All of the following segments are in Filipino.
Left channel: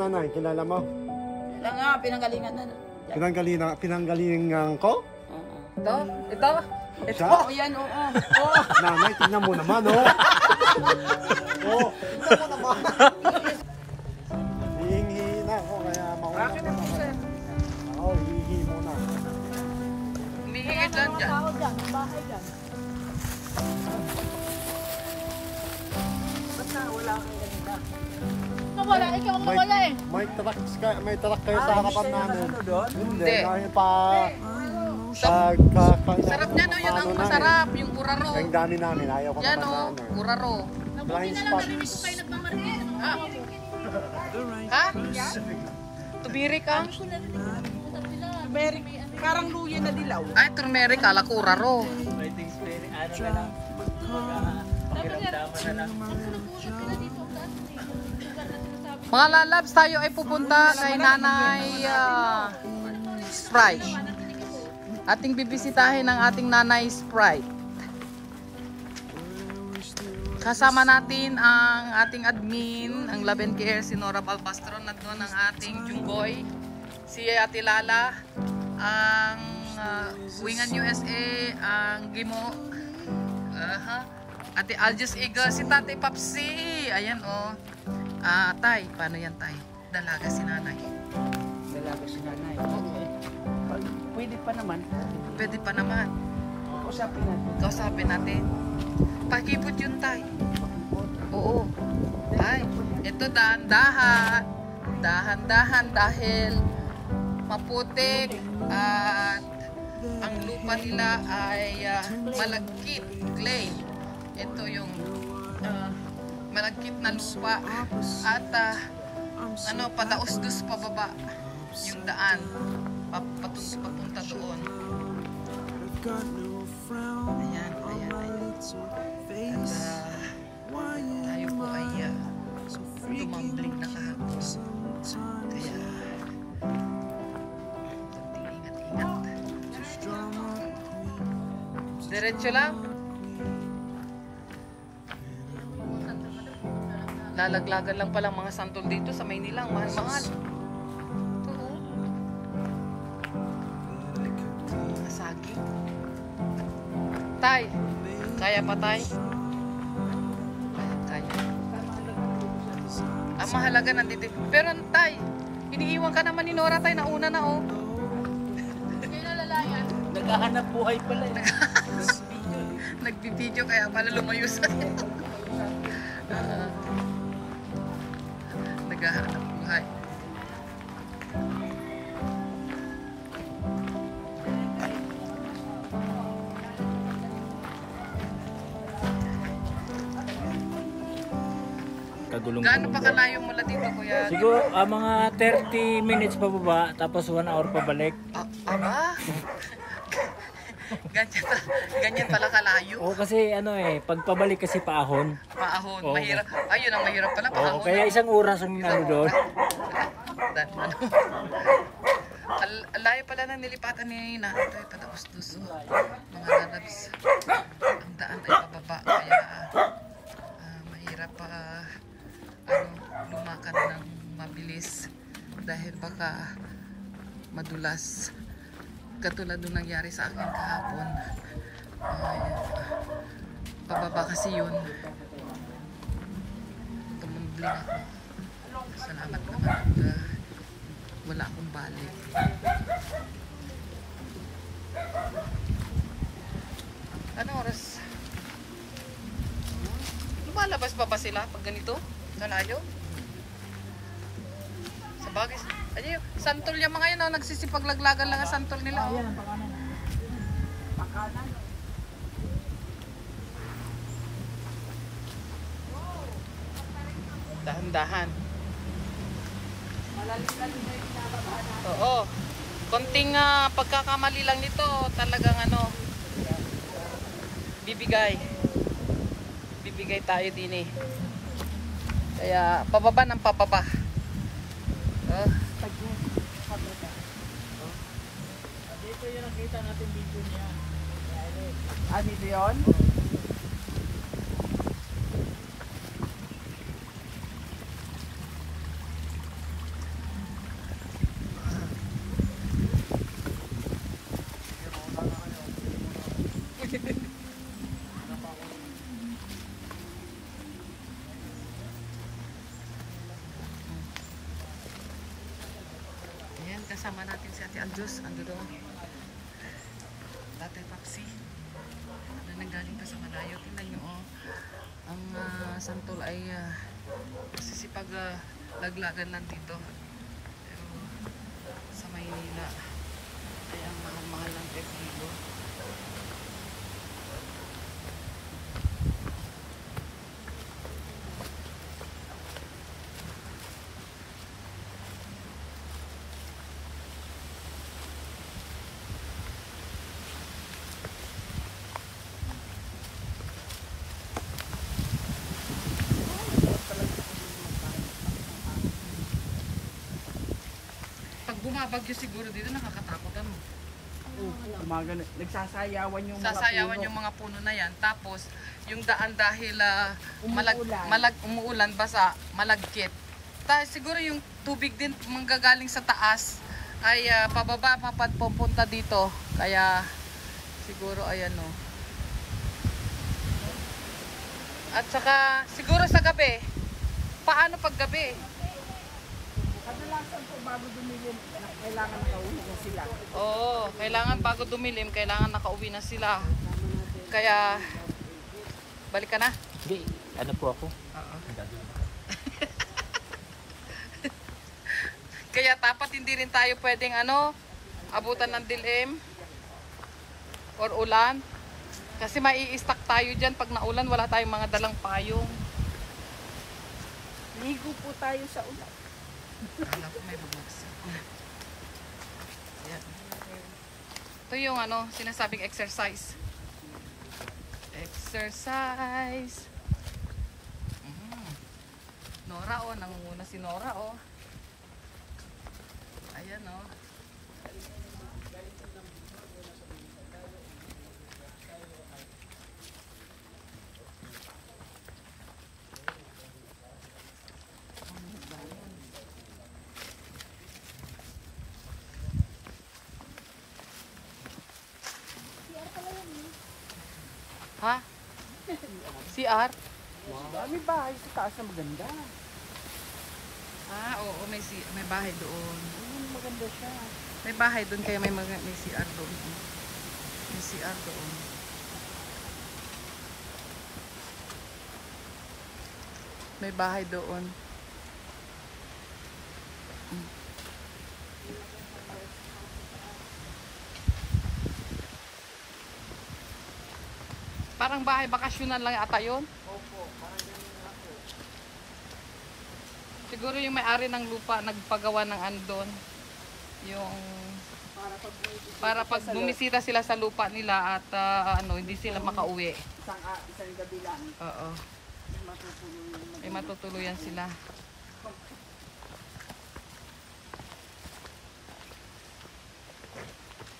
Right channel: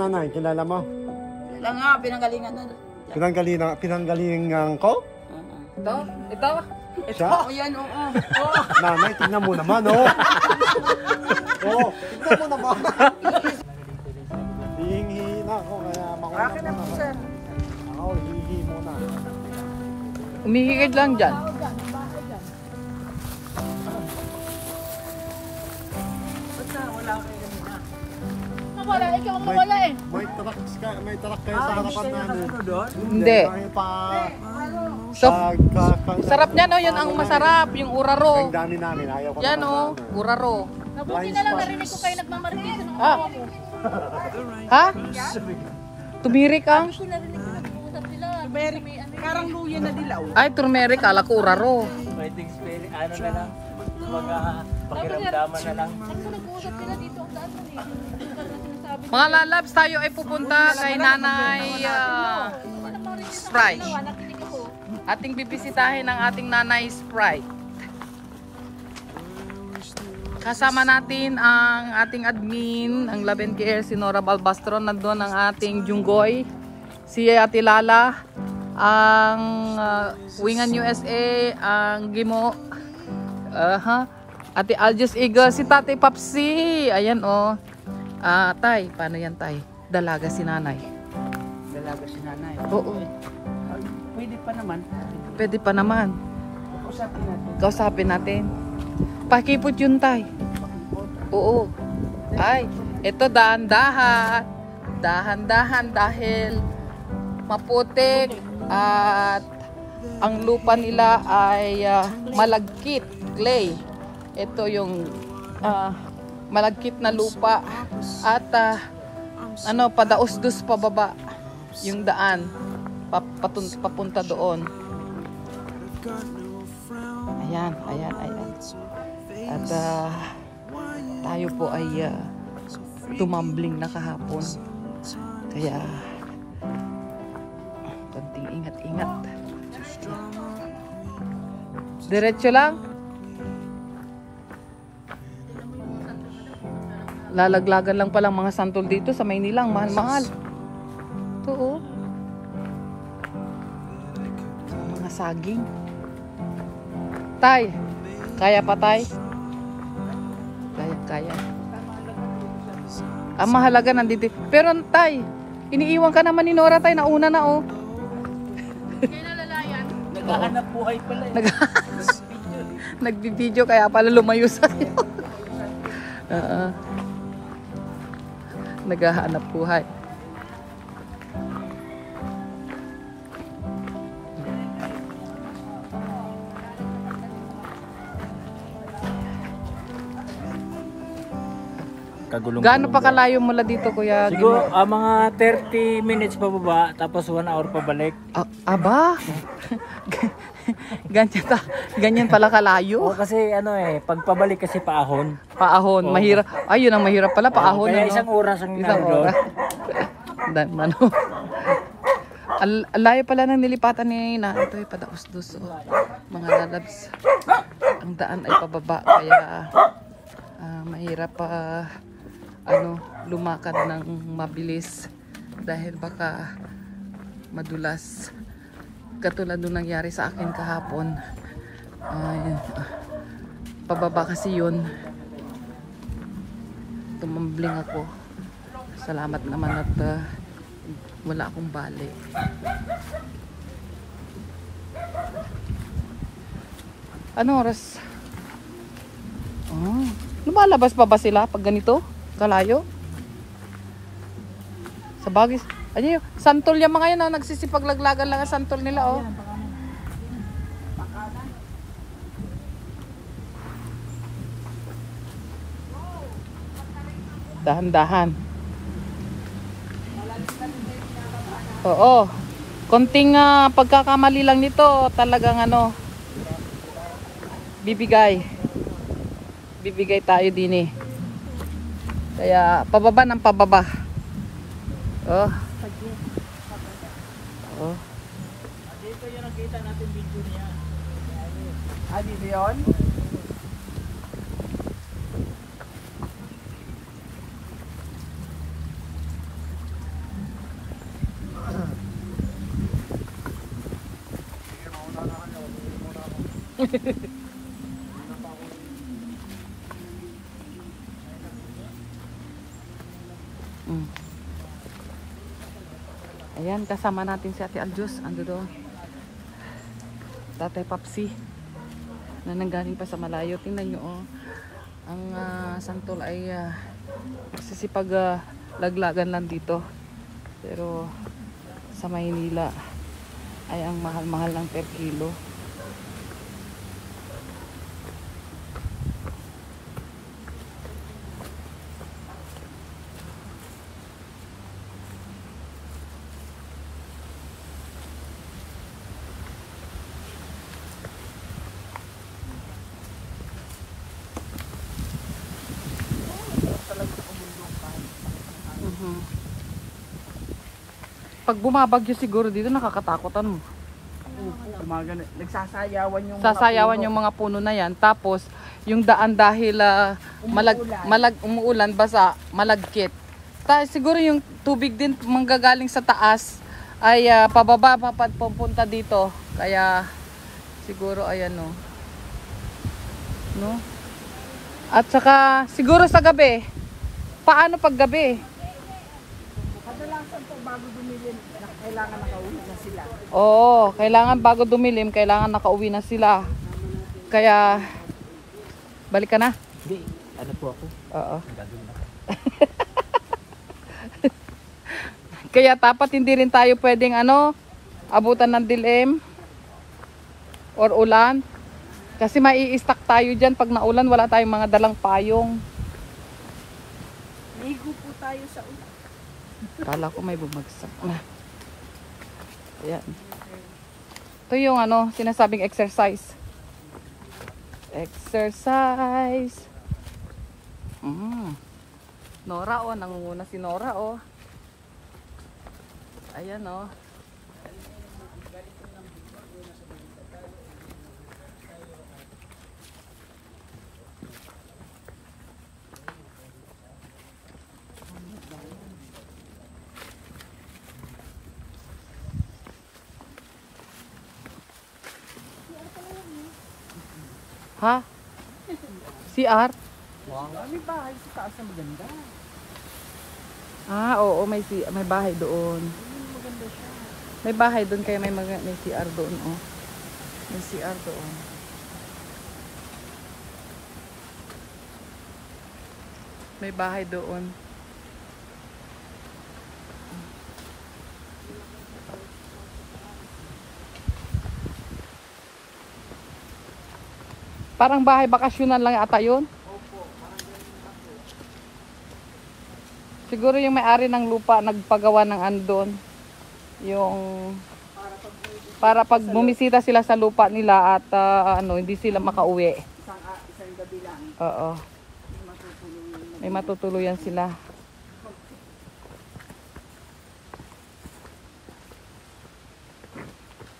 nanay, kilala mo? Kailan nga, pinanggalingan na. Pinanggalingan ko? Oo. Ito? Ito? Siya? Oo, yan, oo. Nanay, tingnan mo naman, oh. Tingnan mo naman. Hihingi na ako. Akin na po, sir. Oo, hihingi mo na. Umihigit lang dyan. Wala, ikaw ang mawala eh. May truck kayo sa harapan namin. Hindi. So, sarap niyan, oh. Yan ang masarap. Yung uraro. Ang dami namin. Ayaw ko. Yan, oh. Uraro. Mabuti na lang narinig ko kayo nagmamarket. Ah. Ha? Tumirik ang? Turmeric, parang luya na dilaw. Ay, turmeric. Kala ko uraro. Mga lalabs, tayo ay pupunta kay Nanay Sprite. Ating bibisitahin ang ating Nanay Sprite. Kasama natin ang ating admin, ang Love and Care, si Nora Balbastro. Nandun ang ating Junggoy, si Ate Lala, ang Wingan USA, ang Gimo, Ate Aljus Eagle, si Tate Papsi. Ayan, oh. Tay, paano yan, Tay? Dalaga si Nanay. Dalaga si nanay. Oo. Pwede pa naman. Pwede pa naman. Usapin natin. Kausapin natin. Pakipot yun, Tay. Oo. Ay, ito dahan-dahan. Dahan-dahan dahil maputik at ang lupa nila ay malagkit, clay. Ito yung malagkit na lupa at padaos-dus pababa yung daan papunta doon. Ayan. At tayo po ay tumambling na kahapon. Kaya konting ingat-ingat. Diretso lang. Lalaglagan lang palang mga santol dito sa Maynila. Mahal-mahal. Ito, oh. Mga saging. Tay, kaya pa, Tay? Kaya. Ang mahalaga nandito. Pero, Tay, iniiwan ka naman ni Nora, Tay. Nauna na, oh. Naghahanap buhay pala eh. Nagbibideo kaya pala lumayo sa'yo. Naghahanap buhay. Gaano pa kalayo mula dito, Kuya? Siguro mga 30 minutes pa baba, tapos 1 hour pa balik. Aba? Ganyan pala kalayo? Oo, kasi pag pabalik kasi paahon. Paahon, Oo. mahirap. Ayun ang mahirap pala, paahon. Kaya isang oras ang naroon. Alayo pala ng nilipatan ni na. Ito ay padaos-dos. Mga lalabs. Ang daan ay pababa. Kaya mahirap lumakad ng mabilis. Dahil baka madulas. Katulad nung nangyari sa akin kahapon. Pababa kasi yun. Tumambling ako. Salamat naman at wala akong bali. Ano oras? Lumalabas pa ba sila pag ganito? Kalayo? Sa bagay. Ano yun? Santol yung mga yan, nagsisipaglaglagan lang ang santol nila, oh. Dahan-dahan. Oo. Konting pagkakamali lang nito, talagang bibigay tayo din eh. Kaya pababa ng pababa. Oh. Dito yung nakita natin video niya. Dito yun? Ayan, kasama natin si Ate Aljus. Ando doon. Tatay Papsi. Na nanggaling pa sa malayo. Tingnan nyo, oh. Ang santol ay sisipag laglagan lang dito. Pero sa Maynila ay ang mahal-mahal ng per kilo. Pag bumabagyo siguro dito, nakakatakutan mo. Nagsasayawan yung Sasayawan yung mga puno na yan. Tapos, yung daan dahil umuulan, basa, malagkit. Siguro yung tubig din manggagaling sa taas ay pababa, pupunta dito. Kaya, siguro, ayan o. No? At saka, siguro sa gabi. Paano pag gabi? Kadalasan po bago dumilim, kailangan nakauwi na sila. Oo, kailangan bago dumilim, kailangan nakauwi na sila. Kaya, balik ka na? Hindi, ano po ako? Oo. Kaya dapat hindi rin tayo pwedeng abutan ng dilim or ulan. Kasi mai-stack tayo dyan pag naulan, wala tayong mga dalang payong. Ligo po tayo sa ulan. Kala ko may bumagsak na. Ayan. Ito yung sinasabing exercise. Exercise. Nora nangunguna si Nora Ayan Ha? CR? May bahay sa taas na maganda. Oo, may bahay doon. May bahay doon kaya may CR doon, May CR doon. May bahay doon. Parang bahay bakasyonan lang ata yun. Opo, parang ganyan ako. Siguro yung may-ari ng lupa nagpagawa ng andon. Yung para pag bumisita sila sa lupa nila at hindi sila makauwi. Isang gabi lang. Oo. May matutuluyan sila.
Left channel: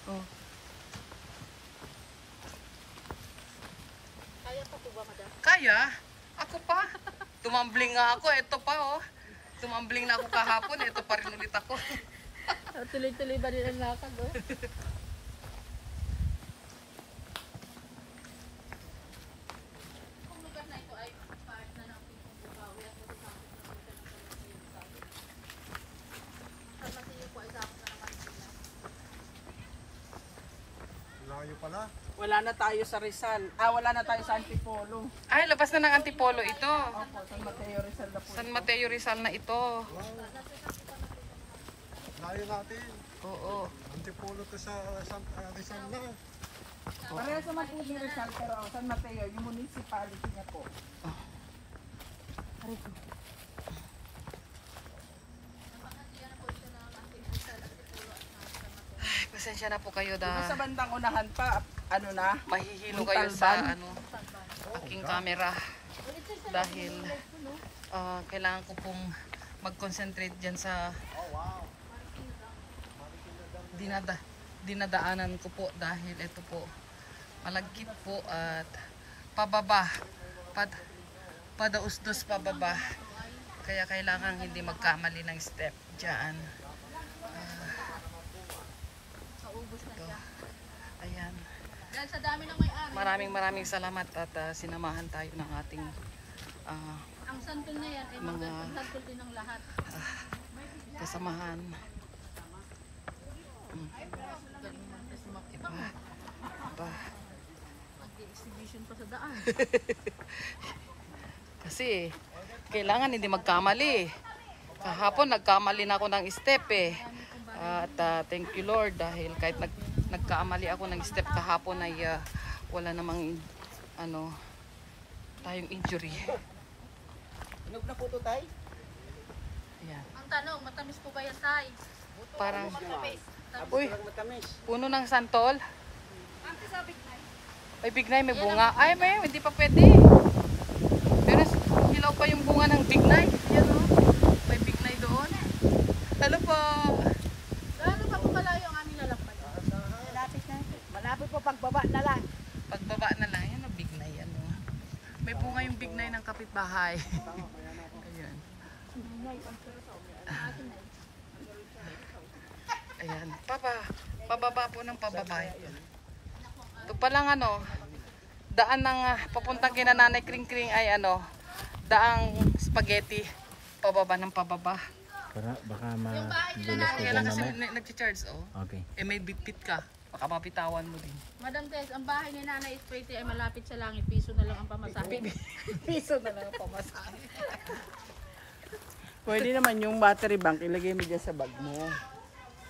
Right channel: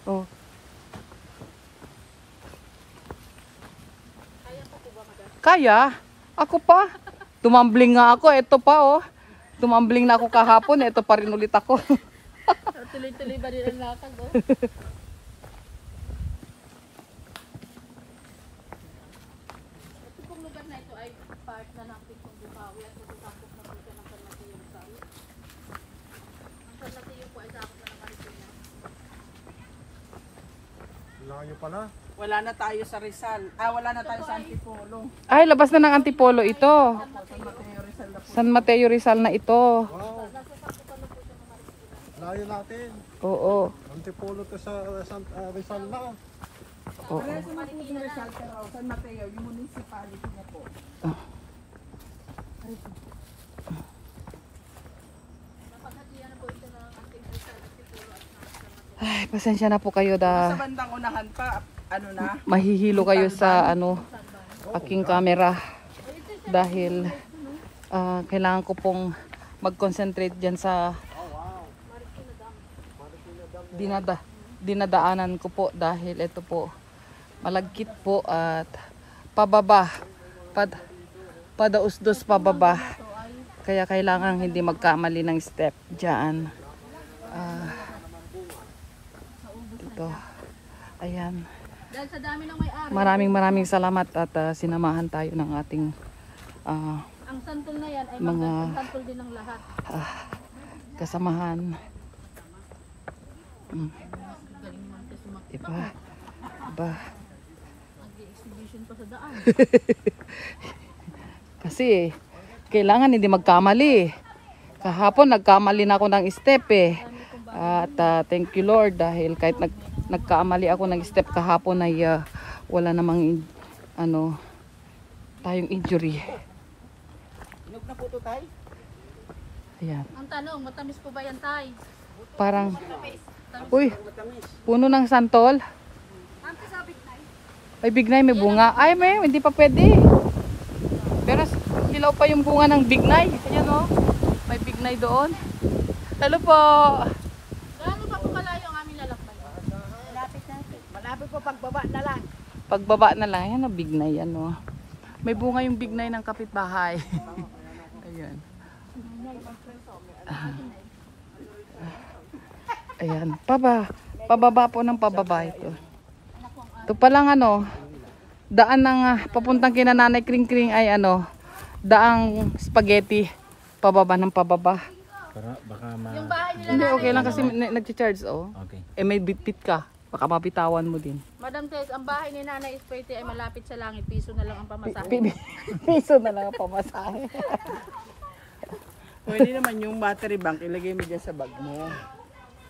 Oh. Kaya? Ako pa. Tumambling nga ako. Ito pa Tumambling na ako kahapon. Ito pa rin ulit ako. Tuloy-tuloy ba din ang lakad, Itong lugar na ito ay part na ng Pitong Bukawi at magkakapit na lugar ng San Mateo Rizal. San Mateo po ay sakop na ng Marikina. Layo pala. Wala na tayo sa Rizal. Wala na tayo sa Antipolo. Ay, labas na ng Antipolo ito. Opo, San Mateo Rizal na po. San Mateo Rizal na ito. Wow. Layo natin. Oo. Antipolo to sa Rizal na. Parehas naman po yung Rizal, pero San Mateo, yung municipality na po. Ay, pasensya na po kayo Sa bandang unahan pa, mahihilo kayo sa aking camera dahil kailangan ko pong mag-concentrate dyan sa dinadaanan ko po dahil ito po malagkit po at pababa padausdos pababa kaya kailangan hindi magkamali ng step dyan. Ito ayan, Dahil sa dami ng may-ari. maraming salamat at sinamahan tayo ng ating Ang santol na yan ay mga- santol din ng lahat. kasamahan. Diba? Diba? Exhibition pa sa daan. Kasi kailangan hindi magkamali. Kahapon nagkamali na ako ng step eh. At thank you Lord dahil kahit nagkamali ako ng step kahapon ay wala namang tayong injury. Inog na po ito, tay? Ayan. Ang tanong, matamis po ba yan, Tay? Parang Matamis. uy, Matamis. puno ng santol. May bignay, may bunga. Ay, hindi pa pwede. Pero hilaw pa yung bunga ng bignay. Ayan o. May bignay doon. Hello po. Gaano pa po malayo ang aming lalakbay? Malapit po pagbaba na lang. Pagbaba na lang. Yan o, bignay. Ano. May bunga yung bignay ng kapitbahay. Ayan. Ayan. Pababa po ng pababa ito. Ito palang daan ng papuntang kina Nanay Kring Kring ay daang spaghetti. Pababa ng pababa. Baka Yung bahay nila Hindi, na, okay lang kasi nag-charge Okay. may bitbit ka. Baka mabitawan mo din. Madam says, ang bahay ni Nanay Espete ay malapit sa langit. Piso na lang ang pamasahe. Piso na lang ang pamasahe. Pwede naman yung battery bank, ilagay mo dyan sa bag mo.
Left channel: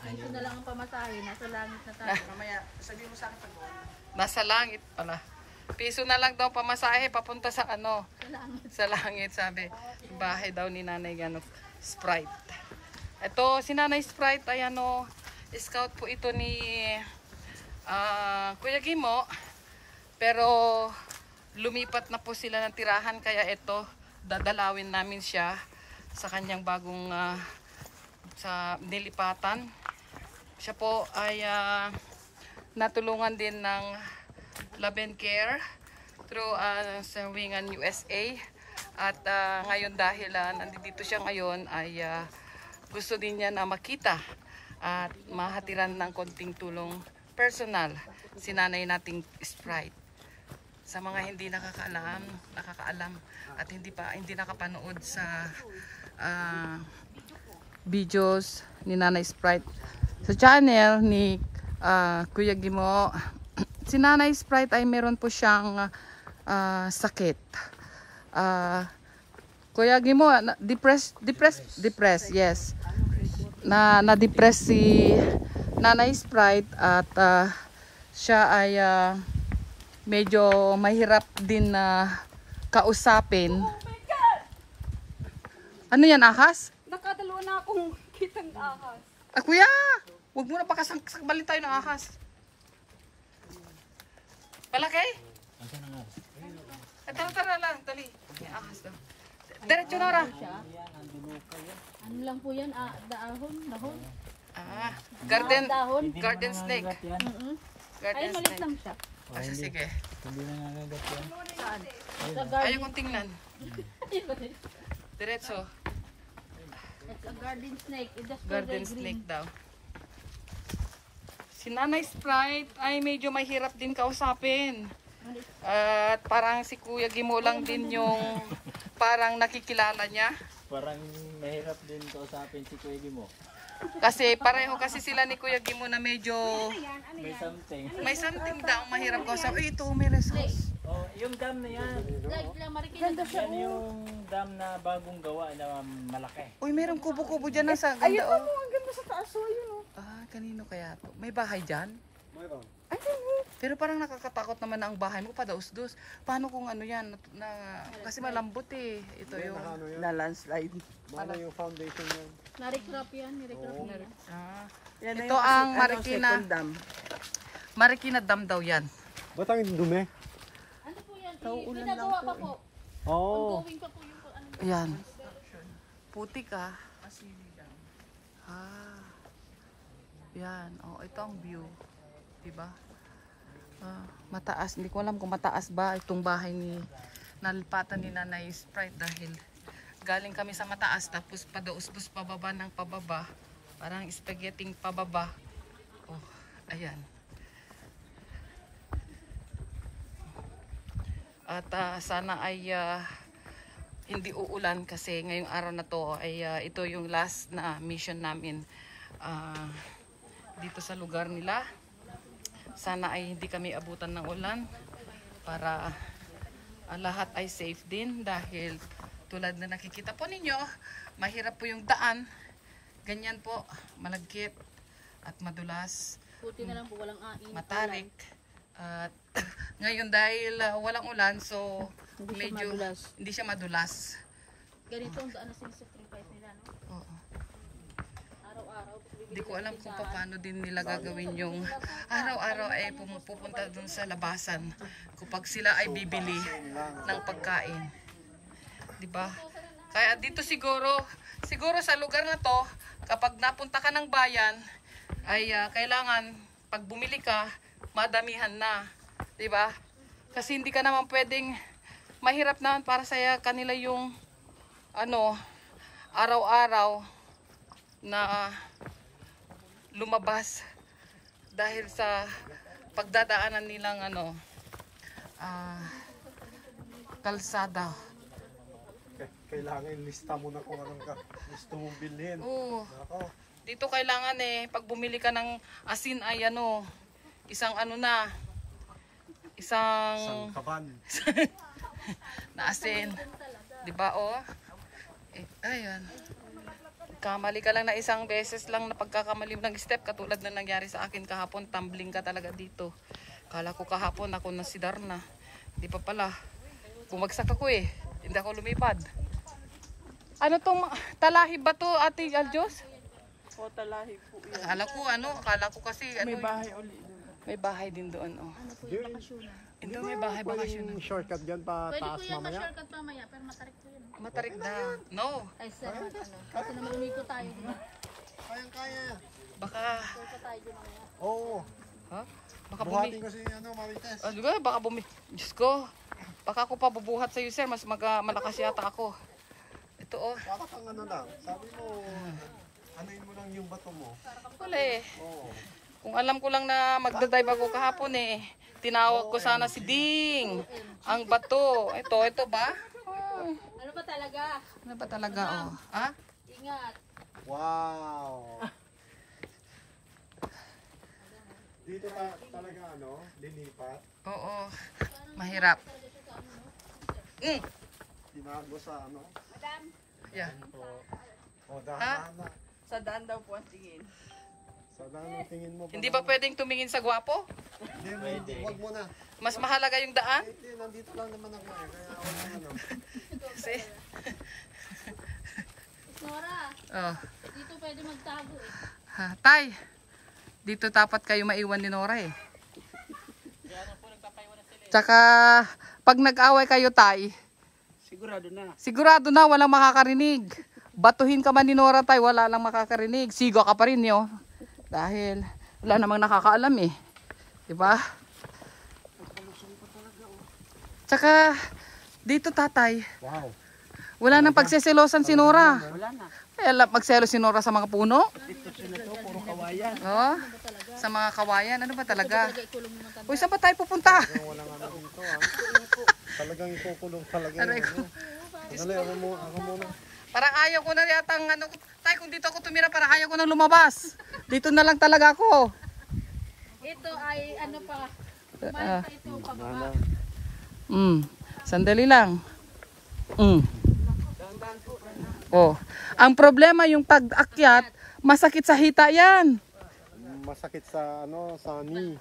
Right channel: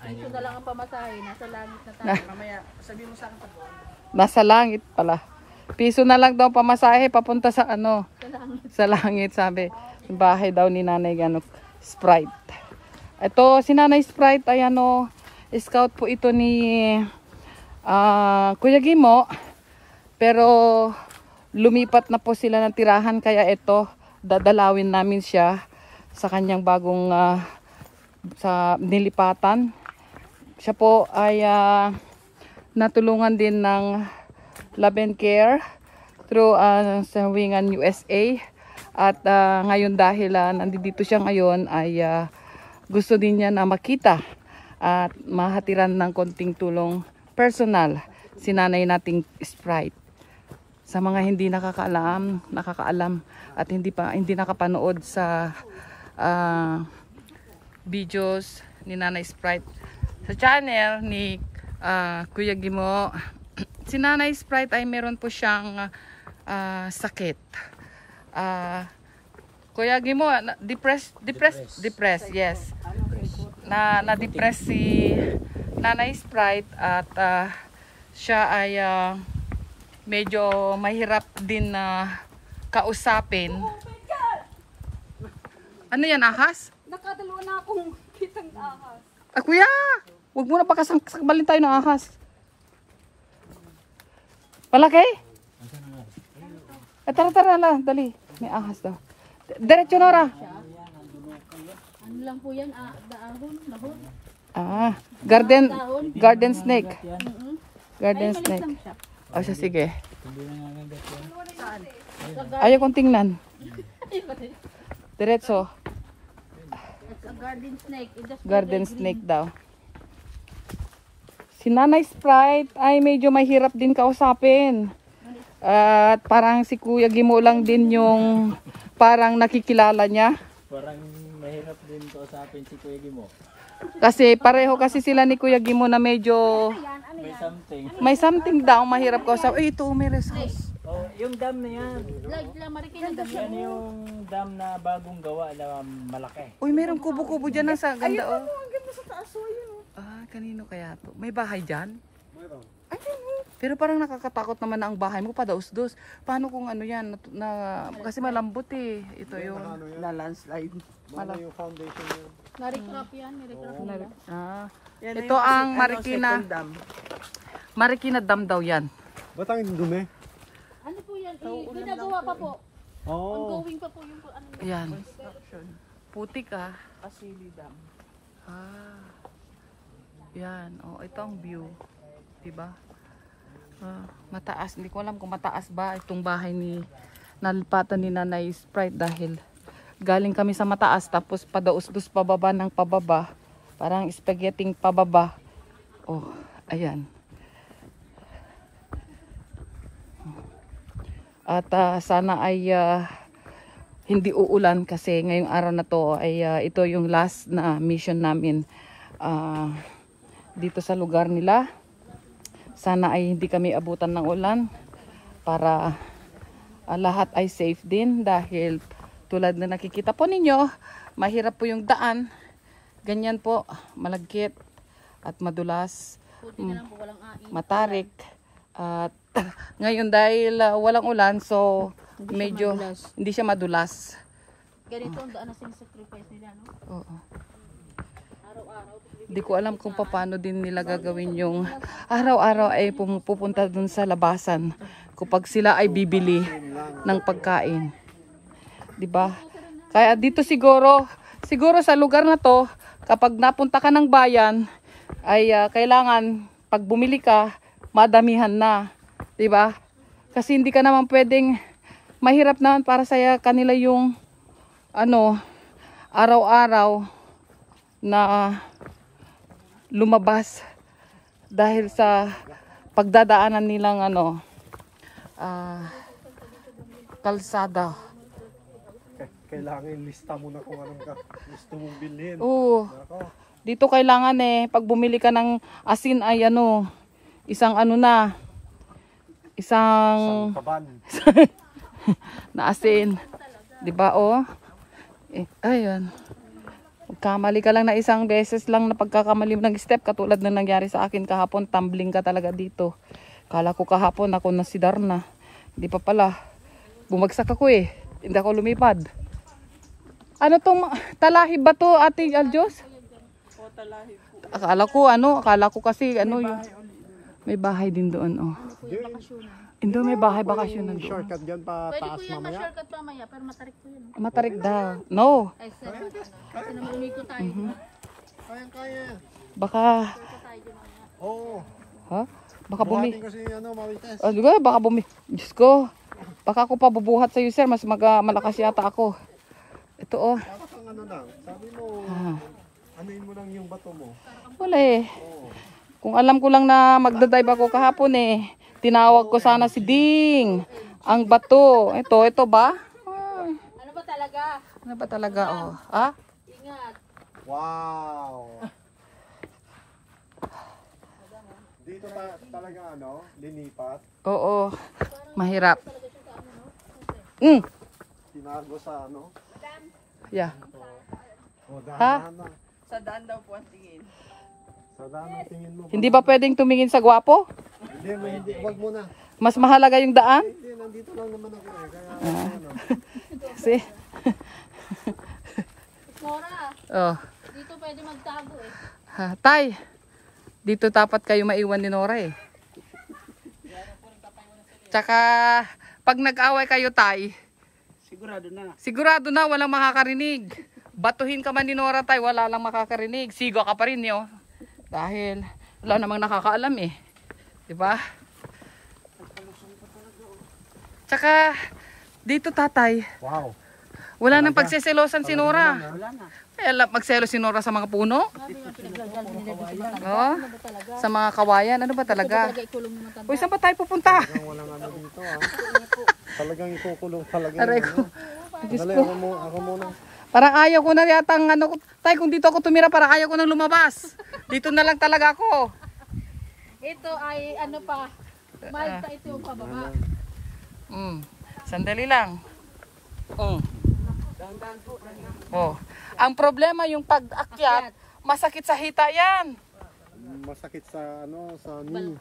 Piso na lang ang pamasahe. Nasa langit na tayo. Mamaya, sabi mo sa akin pag Nasa langit pala. Piso na lang daw pamasahe papunta sa Sa langit. sa langit sabi. Yung bahay daw ni Nanay Sprite. Ito si Nanay Sprite ay scout po ito ni Kuya Gimo. Pero lumipat na po sila ng tirahan kaya ito dadalawin namin siya sa kanyang bagong sa nilipatan. Siya po ay natulungan din ng Love and Care through sa Wingan USA at ngayon dahil nandito siya ngayon ay gusto din niya na makita at mahatiran ng konting tulong personal si nanay nating Sprite. Sa mga hindi nakakaalam at hindi nakapanood sa videos ni Nanay Sprite sa channel ni Kuya Gimo. Si Nanay Sprite ay meron po siyang sakit. Kuya Gimo, depressed, yes. Na-depress si Nanay Sprite at siya ay medyo mahirap din na kausapin. Ano yan, ahas? Nakadalawa na akong kitang ahas. Kuya! Huwag mo na pakasakbalin tayo ng ahas. Palaki? Tara na, dali. May ahas daw. Diretso Nora. Ano lang po yan? Dahon? Garden snake. Mm-hmm. Garden Ay, maliit snake. lang siya. O siya, sige. Sa Ayaw kong tingnan. Diretso. It's a garden snake. It just Garden green. snake daw. Si Nanay Sprite ay medyo mahirap din kausapin. At parang si Kuya Gimo lang din yung parang nakikilala niya. Parang mahirap din kausapin si Kuya Gimo. Kasi pareho kasi sila ni Kuya Gimo na medyo May something. may something daw mahirap kausapin. Ay, ito may rest house. Oh, yung dam na yan. Like lang, marikinan na siya. Yan yung dam na bagong gawa na malaki. Uy, mayroong kubo-kubo dyan sa ganda oh. ang ganda sa taas, oh, yun, oh. Kanino kaya to? May bahay dyan? Mayroon. Pero parang nakakatakot naman na ang bahay mo padaus-dus. Paano kung ano yan? Kasi malambot eh. Ito yun. Na landslide. Ano yung foundation yan? Narikrap yan. Narikrap nila. Yan na Ito yung ang second dam. Marikina Dam daw yan. Ba't ang dumi? Ano po yan? Ginagawa pa po. Oo. Ongoing pa po yung ano. Yan. Putik Asili dam. Yan. Ito ang view. Diba? Mataas. Hindi ko alam kung mataas ba itong bahay ni nalipatan ni Nanay Sprite dahil galing kami sa mataas tapos padaus-dus pababa ng pababa. Parang spaghetti pababa. Ayan. At sana ay hindi uulan kasi ngayong araw na to ay ito yung last na mission namin dito sa lugar nila. Sana ay hindi kami abutan ng ulan para lahat ay safe din dahil tulad na nakikita po ninyo, mahirap po yung daan. Ganyan po, malagkit at madulas. Buti na lang po walang Matarik. At ngayon dahil walang ulan, so medyo hindi siya madulas. Ganito ang daan na sinusupply nila, no? Oo. Di ko alam kung paano din nila gagawin yung araw-araw ay pupunta dun sa labasan kapag sila ay bibili ng pagkain. Di ba? Kaya dito siguro sa lugar na to, kapag napunta ka ng bayan, ay kailangan pag bumili ka, madamihan na. Di ba? Kasi hindi ka naman pwedeng, mahirap naman para sa kanila yung araw-araw na lumabas dahil sa pagdadaanan nilang kalsada. Kailangan lista mo na kung anong gusto mong bilhin. Oo. Dito kailangan pag bumili ka ng asin ay isang Isang kaban. na asin. 'Di ba ayan. Kamali ka lang na isang beses lang na pagkakamali ng step katulad na nangyari sa akin kahapon, tumbling ka talaga dito. Kala ko kahapon ako na si Darna. Hindi pa pala. Bumagsak ako Hindi ako lumipad. Ano tong talahi ba to, Ate Aljos? O, talahi po. Akala ko kasi may bahay din doon Hindi, may bahay bakasyon na doon. Shortcut dyan pa Pwede taas ko yan mamaya. shortcut mamaya, pero matarik po yun. Matarik daw. No. Ay, sir. Kasi naman umiko tayo. Kayang-kaya. Baka Oo. ha? Baka bumi. Buhatin kasi Marites. Di ba? Baka Diyos ko. Baka ako pa bubuhat sa iyo, sir. Mas malakas yata ako. Ito Para kang lang. Sabi mo, anuin mo lang yung bato mo. Wala Kung alam ko lang na magdadive ako kahapon tinawag ko sana si Ding. Ang bato. Ito ba? Ay, Ano ba talaga? ano ba talaga Ha? Ingat. Wow! Dito talaga linipat. Oo. Mahirap. Tinago sa Yeah. dahan na. Sa daan daw po ang tingin. Sa daan ang tingin mo. Hindi ba pwedeng tumingin sa gwapo? Hindi, wag mo na. Mas mahalaga yung daan? Hindi, nandito lang naman ako Kasi, Nora, dito pwede magtago Tay, dito dapat kayo maiwan ni Nora Tsaka, pag nag-away kayo, Tay, sigurado na walang makakarinig. Batuhin ka man ni Nora, Tay, wala lang makakarinig. Siga ka pa rin dahil wala namang nakakaalam diba? Tsaka dito, tatay, Wow. wala nang pagseselosan si Nora. Kaya magselos si Nora sa mga puno. Sa mga kawayan. Ano ba talaga? Uy, saan ba tayo pupunta? Talagang ikukulong talaga. Aray ko. Diyos Dali, ko. ako muna. Parang ayaw ko na yata tay, kung dito ako tumira, parang ayaw ko nang lumabas. Dito na lang talaga ako. Ito ay Malta ito yung pababa. Sandali lang. Ang problema yung pag-akyat, masakit sa hita yan. Masakit sa sa knee.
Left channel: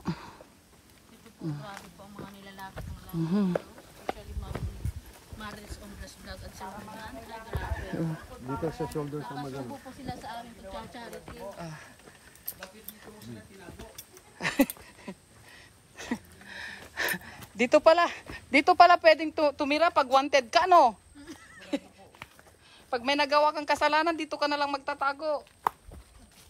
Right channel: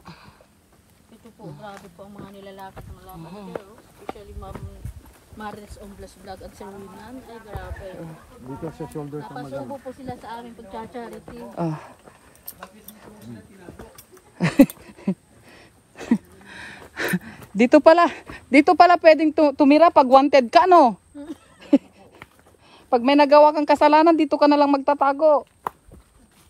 Ito po, grabe po ang mga nilalapit ng lalaki. Especially Maris Omblas Vlog at sa Winan. Grabe. Dito sa shoulder sa magal. Nakasubo po sila sa aming pagcha-charity. Dito pala pwedeng tumira pag wanted ka, no? Pag may nagawa kang kasalanan, dito ka na lang magtatago.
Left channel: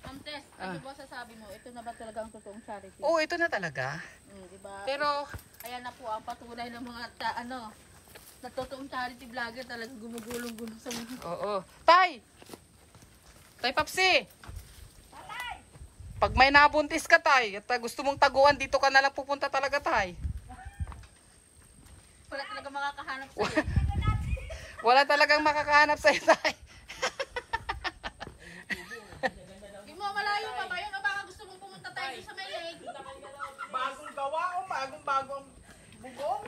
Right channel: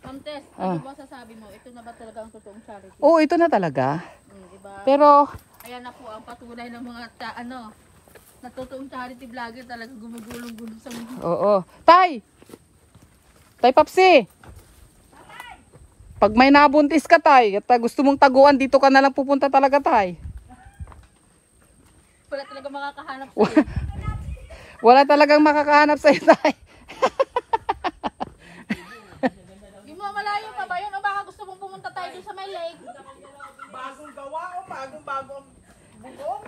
Ma'am Tess, ano ba sasabi mo? Ito na ba talaga ang totoong charity? Oo, ito na talaga. Diba? Pero, Ayan na po ang patunay ng mga na totoong charity vlogger talaga gumugulong-gulong sa mga. oo. Tay! Tay Papsi! Pag may nabuntis ka, Tay, at gusto mong taguan, dito ka na lang pupunta talaga, Tay. Wala talaga makakahanap sa'yo. Wala talagang makakahanap sa itay. Yung mga malayo pa ba yun? O baka gusto mong pumunta tayo dun sa may lake? Bagong gawa o bagong ang bugong?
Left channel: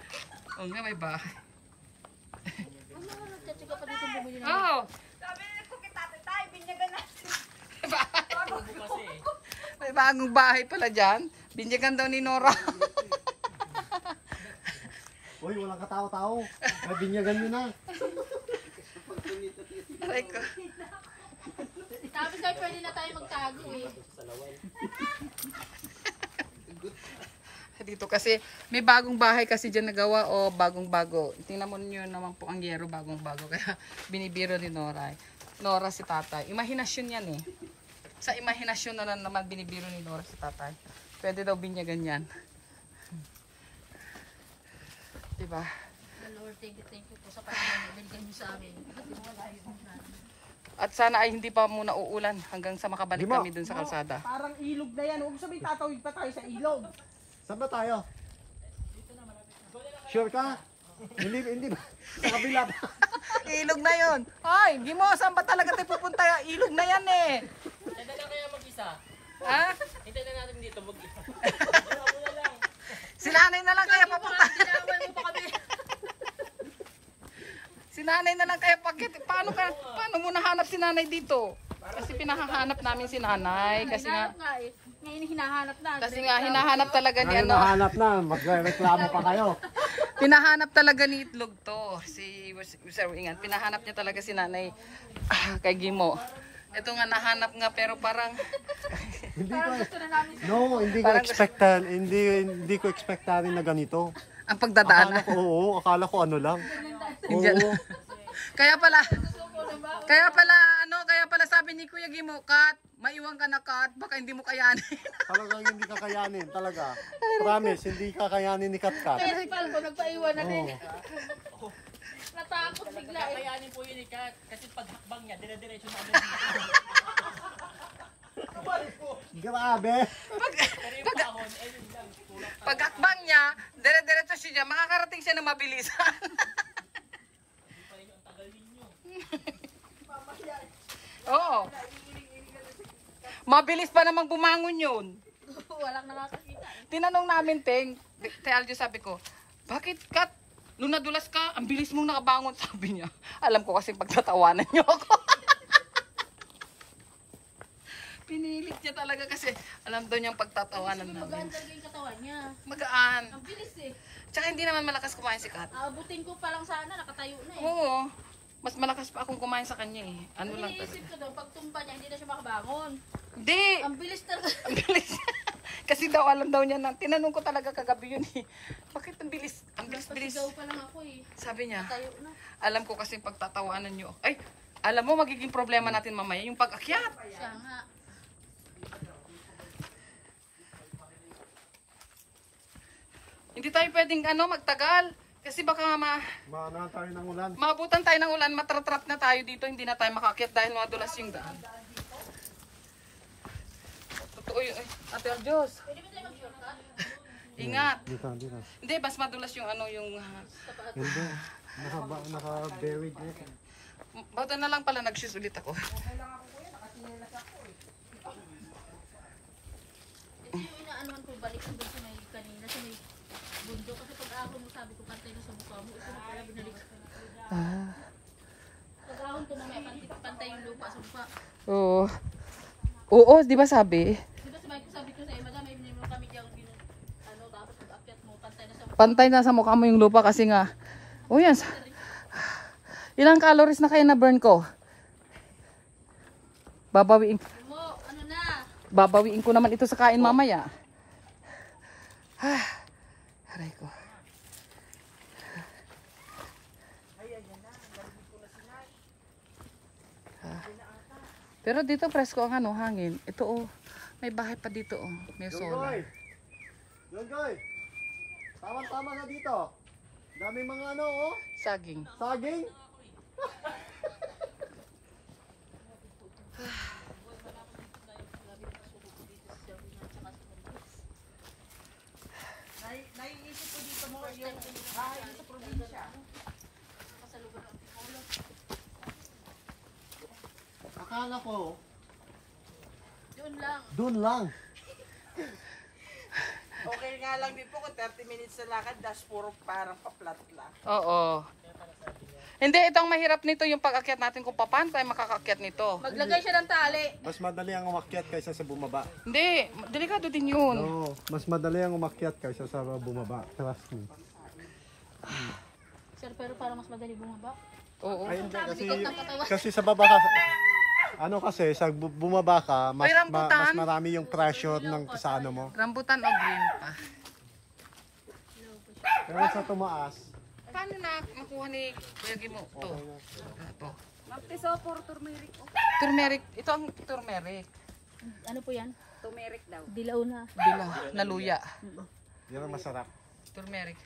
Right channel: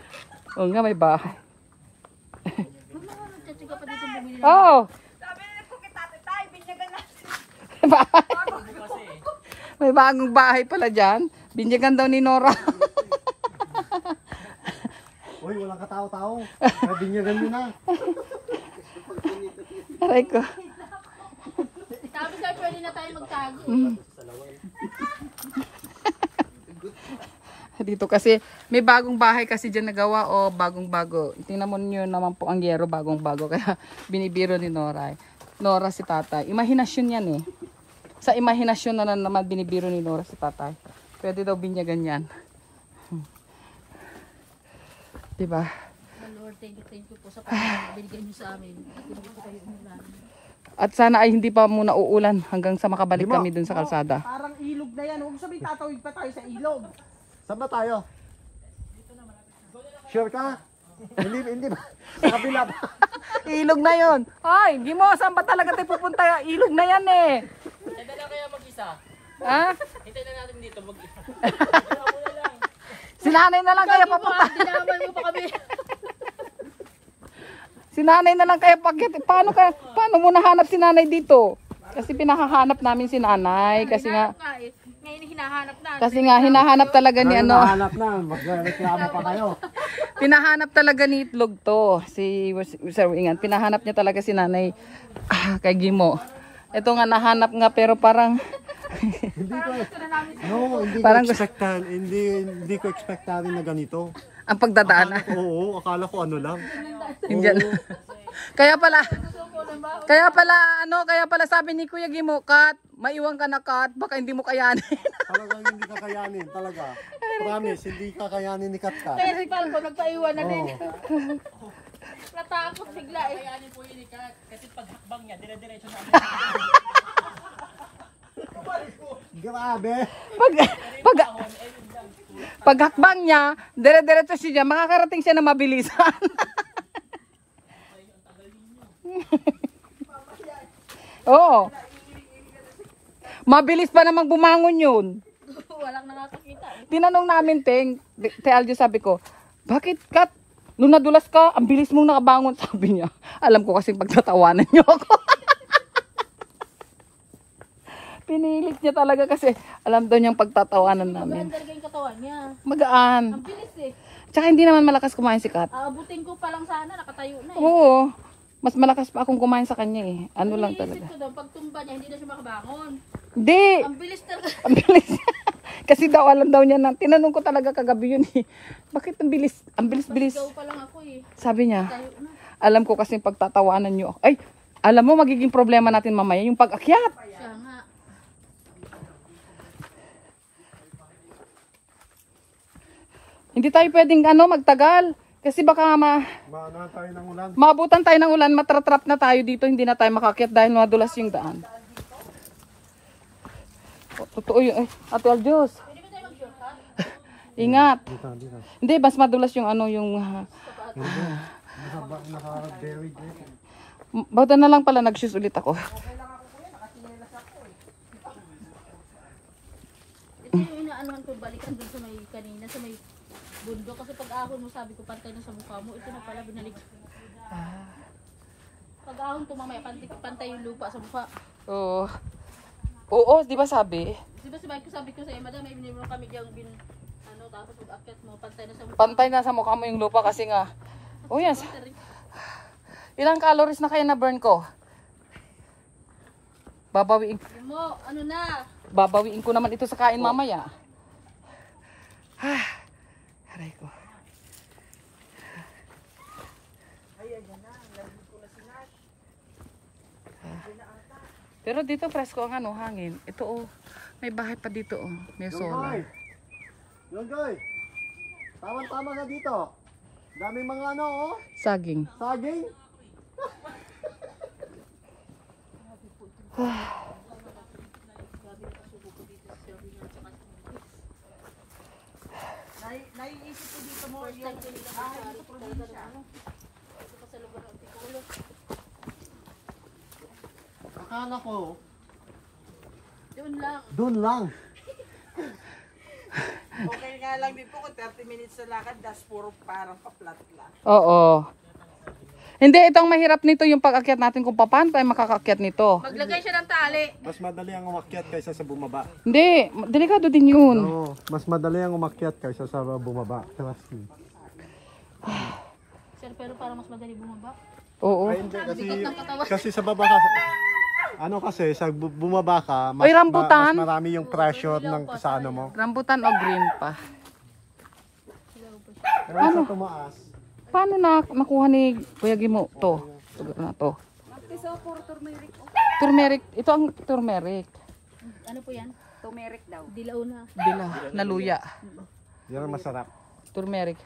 Oo nga, may bahay. Kasi ka pa dito bumili. Oo. Sabi nila ko kita tayo, binyagan natin. May bagong bahay pala dyan. Binyagan daw ni Nora. Uy, walang katao-tao. Binyagan nyo na. Aray ko. Sabi sa'yo, pwede na tayo magtago. Dito kasi, may bagong bahay kasi dyan nagawa o bagong-bago. Tingnan mo nyo naman po ang yero, bagong-bago. Kaya binibiro ni Nora. Nora si tatay. Imahinasyon yan eh. Sa imahinasyon na naman binibiro ni Nora si tatay. Pwede daw binyagan yan. Diba? Lord, thank you po sa pagkakas binigyan niyo sa amin. At hindi ko kayo umulan. At sana ay hindi pa muna uulan hanggang sa makabalik kami dun sa kalsada. Parang ilog na yan. Huwag sabihin tatawid pa tayo sa ilog. Saan ba tayo? Sure ka? Hindi ba? Sa kabila pa. Ilog na yon. Ay, Gimo, saan ba talaga tayo pupunta? Ilog na yan eh. Hindi na kaya mag-isa. Ha? Hintay na natin dito mag-isa. Si nanay na lang kaya papunta. Dinamay mo pa kami. Si nanay na lang kaya pakit. Paano mo nahanap si nanay dito? Kasi pinahahanap namin si nanay. Kasi nga, Ngayon hinahanap na. hinahanap talaga ni Ngayon ano. nahanap na. Magreklamo pa kayo. Pinahanap talaga ni Itlog to. Si Sir Ingan. Pinahanap niya talaga si nanay kay Gimo. Ito nga nahanap nga pero parang Hindi ko. No, hindi ko Parang expectan. Hindi ko expectan na ganito. ang pagdadaanan. Oo, akala ko ano lang. Indian. Kaya pala sabi ni Kuya Gimo, Kat, maiwan ka na Kat, baka hindi mo kayanin. Talagang hindi kakayanin, talaga. Promise, hindi kakayanin ni Katkat. Kaya si Palco nagpaiwan na din. Oo. Natakot bigla eh. Kayanin po yun Kat. Kasi paghakbang niya, dire-diretso namin. Grabe. Paghakbang niya, dire-diretso siya, makakarating siya na mabilisan. Oo. Mabilis pa namang bumangon yun. Walang nakakakita eh. Tinanong namin, Te Aljo, sabi ko, bakit Kat? Nung nadulas ka, ang bilis mong nakabangon, sabi niya. Alam ko kasi pagtatawanan niyo ako. Pinilit niya talaga kasi alam daw niyang pagtatawanan namin. Magaan talaga yung katawan niya. Magaan. Ang bilis eh. Tsaka hindi naman malakas kumain si Kat. Aabutin ko pa lang sana, nakatayo na eh. Oo. Mas malakas pa akong kumain sa kanya eh. Ano lang Iniisip talaga. ko daw, pag tumba niya, hindi na siya makabangon. Hindi. Ang bilis talaga. Ang bilis. Kasi daw alam daw niya na. Tinanong ko talaga kagabi yun eh. Bakit ang bilis? Ang bilis-bilis. Ikaw pa lang ako eh. Sabi niya, Tayo na. alam ko kasi pagtatawanan niyo. Ay, alam mo magiging problema natin mamaya yung pag-akyat. Siya nga. Hindi tayo pwedeng magtagal. Kasi baka Maanahan tayo ng ulan. maabutan tayo ng ulan, matratrap na tayo dito, hindi na tayo makakyat dahil madulas yung daan. Totoo yun. Ate Aljos. Ingat. Dito. Hindi, mas madulas yung Hindi. Naka-buried eh. Bauta na lang pala, nag-shoes ulit ako. Ito yung inaanuhan ko, balikan dun sa may kanina, sa may bundok. Kasi pag ahon mo, sabi ko, pantay na sa mukha mo. Ito na pala, binalik. Pag ahon ko mamaya, pantay yung lupa sa mukha. Oo. Oo, di ba sabi? Di ba sabi ko sa madam, may binili mo kami diyang tapos pag-akyat mo, pantay na sa mukha. Pantay na sa mukha mo yung lupa kasi nga. Oh yan. Ilang calories na kayo na burn ko? Babawiin. Mo, ano na? Babawiin ko naman ito sa kain mamaya. Aray ko. Pero dito presko ang hangin. Ito may bahay pa dito may solar. Yung guy. Tama na dito. Daming mga Saging. saging. Naiisip ko dito mo yung bahay mo sa probinsya. Sa lugar ng Piculo. Akala ko, Doon lang. doon lang. Okay nga lang din po kung 30 minutes na lakad, das puro parang pa-flat lang. Oo. Hindi, itong mahirap nito yung pag-akyat natin kung paano tayo makakakyat nito. Maglagay siya ng tali. Mas madali ang umakyat kaysa sa bumaba. Hindi, delikado din yun. No, mas madali ang umakyat kaysa sa bumaba. Trust me. Sir, pero para mas madali bumaba. Oo. Ay, hindi, Bigot ng katawan. kasi sa baba ka, ano kasi, sa bumaba ka, mas, Oy, rambutan. mas marami yung pressure ng sa ano mo. Rambutan o green pa. Pero sa tumaas, Paano na makuha ni Kuya Gimo to? Ito na to. Magtiso for turmeric. Turmeric. Ito ang turmeric. Ano po yan? Turmeric daw. Dilaw na. Dila, naluya. yan ang masarap. Turmeric.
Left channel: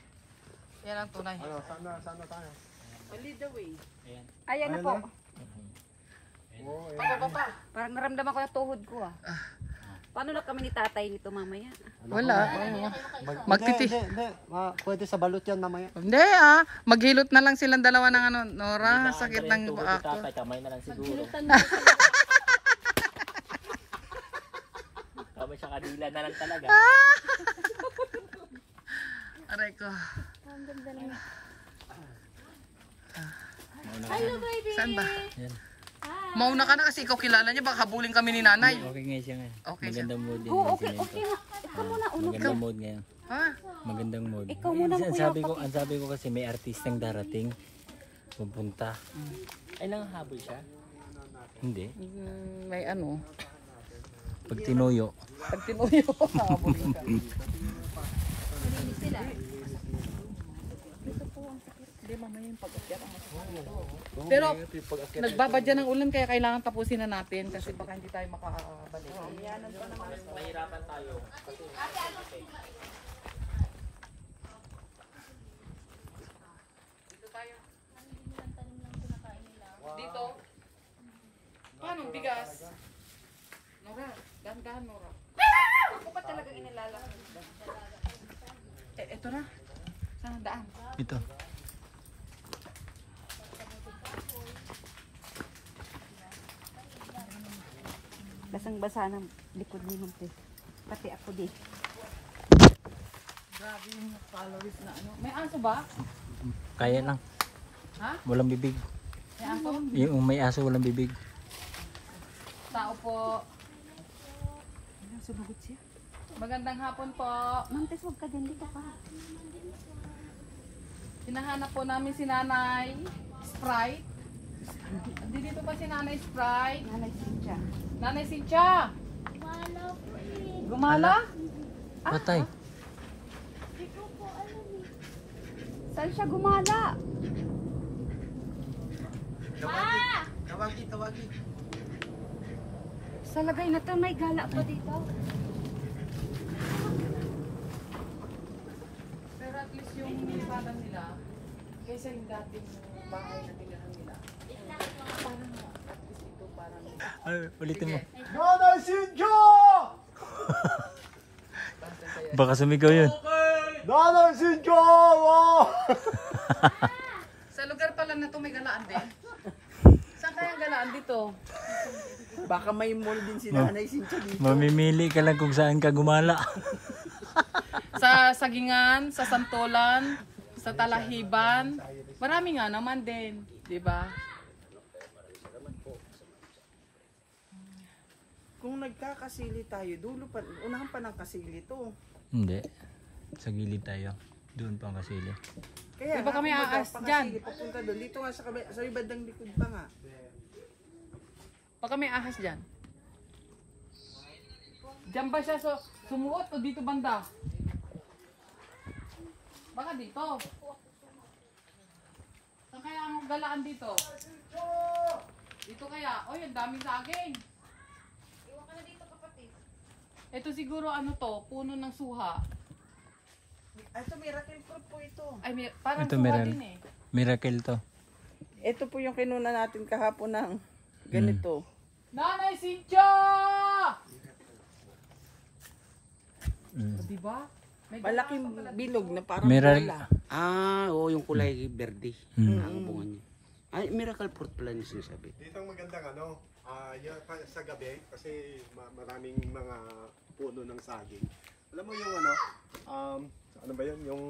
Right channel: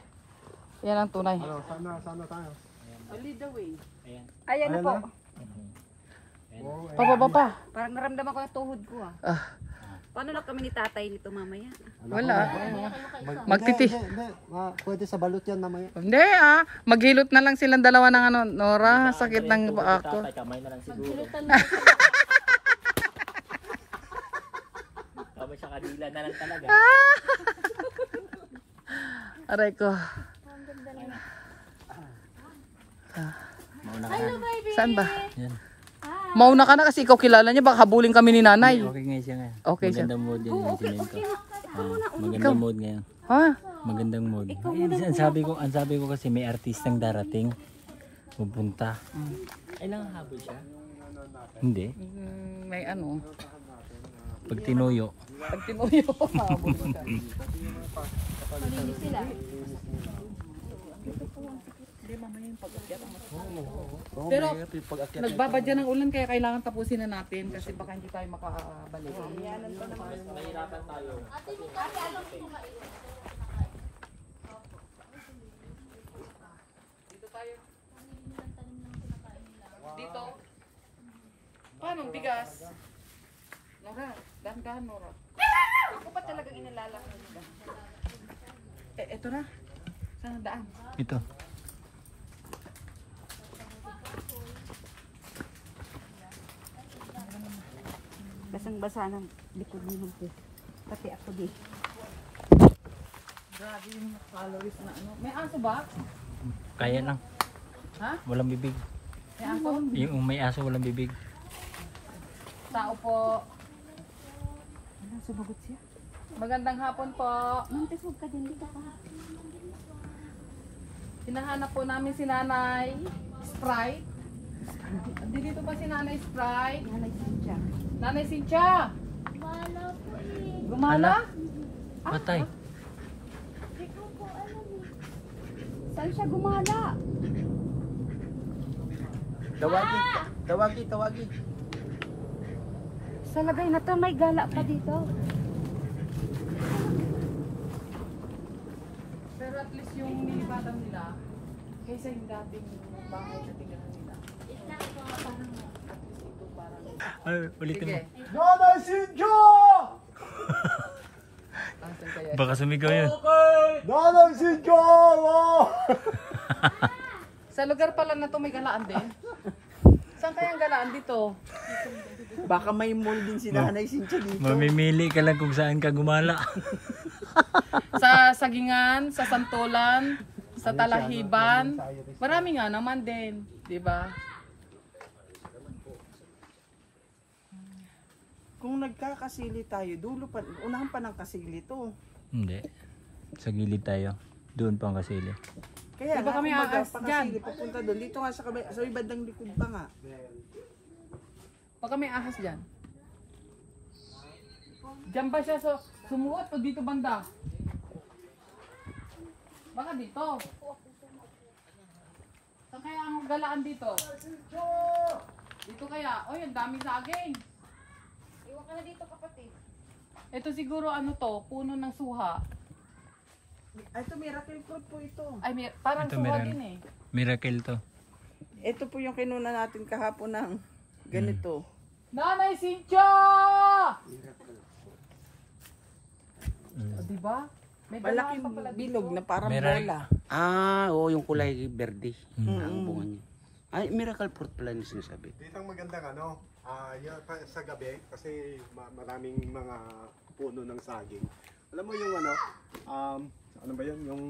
Yan ang tunay. Ano, sana tayo. Lead the way. Ayan na po. Pababa pa. Parang naramdaman ko yung tuhod ko ah. Ah. Paano na kami ni tatay nito mamaya? Wala. Magtiti. Magtiti. Hindi. Pwede sa balot yan mamaya. Hindi ah. Maghilot na lang silang dalawa ng ano. Nora, sakit ng paa ko. Kamay na lang siguro. Kamay sa kadila na lang talaga. Aray ko. Hello, baby! Saan ba? Yan. Mauna ka na kasi ikaw kilala niya. Baka habulin kami ni nanay. Okay nga siya nga. Okay siya. Magandang mood din yung sinento. Magandang mood ngayon. Ha? Magandang mood. Ang sabi ko kasi may artistang darating. Pupunta. Ay lang habol siya? Hindi. May ano. Pag tinuyo. Pag tinuyo. habulin ka. Hindi mamaya yung pag-akyat ang Pero nagbabadya ng ulan kaya kailangan tapusin na natin kasi baka hindi tayo makakabalik. Dito? Paano bigas? Nora, dahan-dahan Nora. Ako pa talagang inilalaki nito. Eto na. Saan ang daan? Ito. Basang-basa ng likod mo po. Pati ako din. Grabe yung calories na ano. May aso ba? Kaya lang. Ha? Walang bibig. May aso? Yung may aso walang bibig. Tao po. Ano, sumagot siya? Magandang hapon po. Mantes, huwag ka din dito pa. Hinahanap po namin si Nanay Sprite. Dito pa si Nanay Sprite. Nanay siya. Nanay Cynthia! Gumala? Patay. Saan siya gumala? Tawagi. Sa lagay na to, may gala pa dito. Pero at least yung nilipatan nila, kaysa yung dating bahay na tingnan nila. Ano, ulitin mo. Nanay Cynthia! Baka sumigaw yun. Nanay Cynthia! Wow! Sa lugar pala na to may galaan din. Saan kaya ang galaan dito? Baka may mall din si Nanay Cynthia dito. Mamimili ka lang kung saan ka gumala. Sa Sagingan, sa Santolan, sa Talahiban. Marami nga naman din, 'di ba? Kung nagkakasili tayo, dulo pa, unahan pa ng kasili to. Hindi. Sa gilid tayo. Doon pang kasili. Kaya Di ba kami nga, aas kumbaga, dyan? pakasili, papunta doon. Dito nga sa ibandang likod pa nga. Baka may ahas dyan. Diyan ba siya sumuot o dito banda? Baka dito. Saan kaya ang galaan dito? Dito kaya? Oy, ang daming saging. Iwan ka na dito kapatid. Ito siguro ano to, puno ng suha. Ay, ito miracle fruit po ito. Ay, parang Ito, suha meron. din eh. Miracle to. Ito po yung kinuna natin kahapon ng ganito. Nanay Cynthia! Mm. O, diba? Malaking bilog na parang Meron. bola. Oo, yung kulay berde. Hmm. Ang bunga niya. Ay, miracle fruit pala yung sinasabi. Dito ang magandang sa gabi kasi maraming mga puno ng saging. Alam mo yung ano ba yun? Yung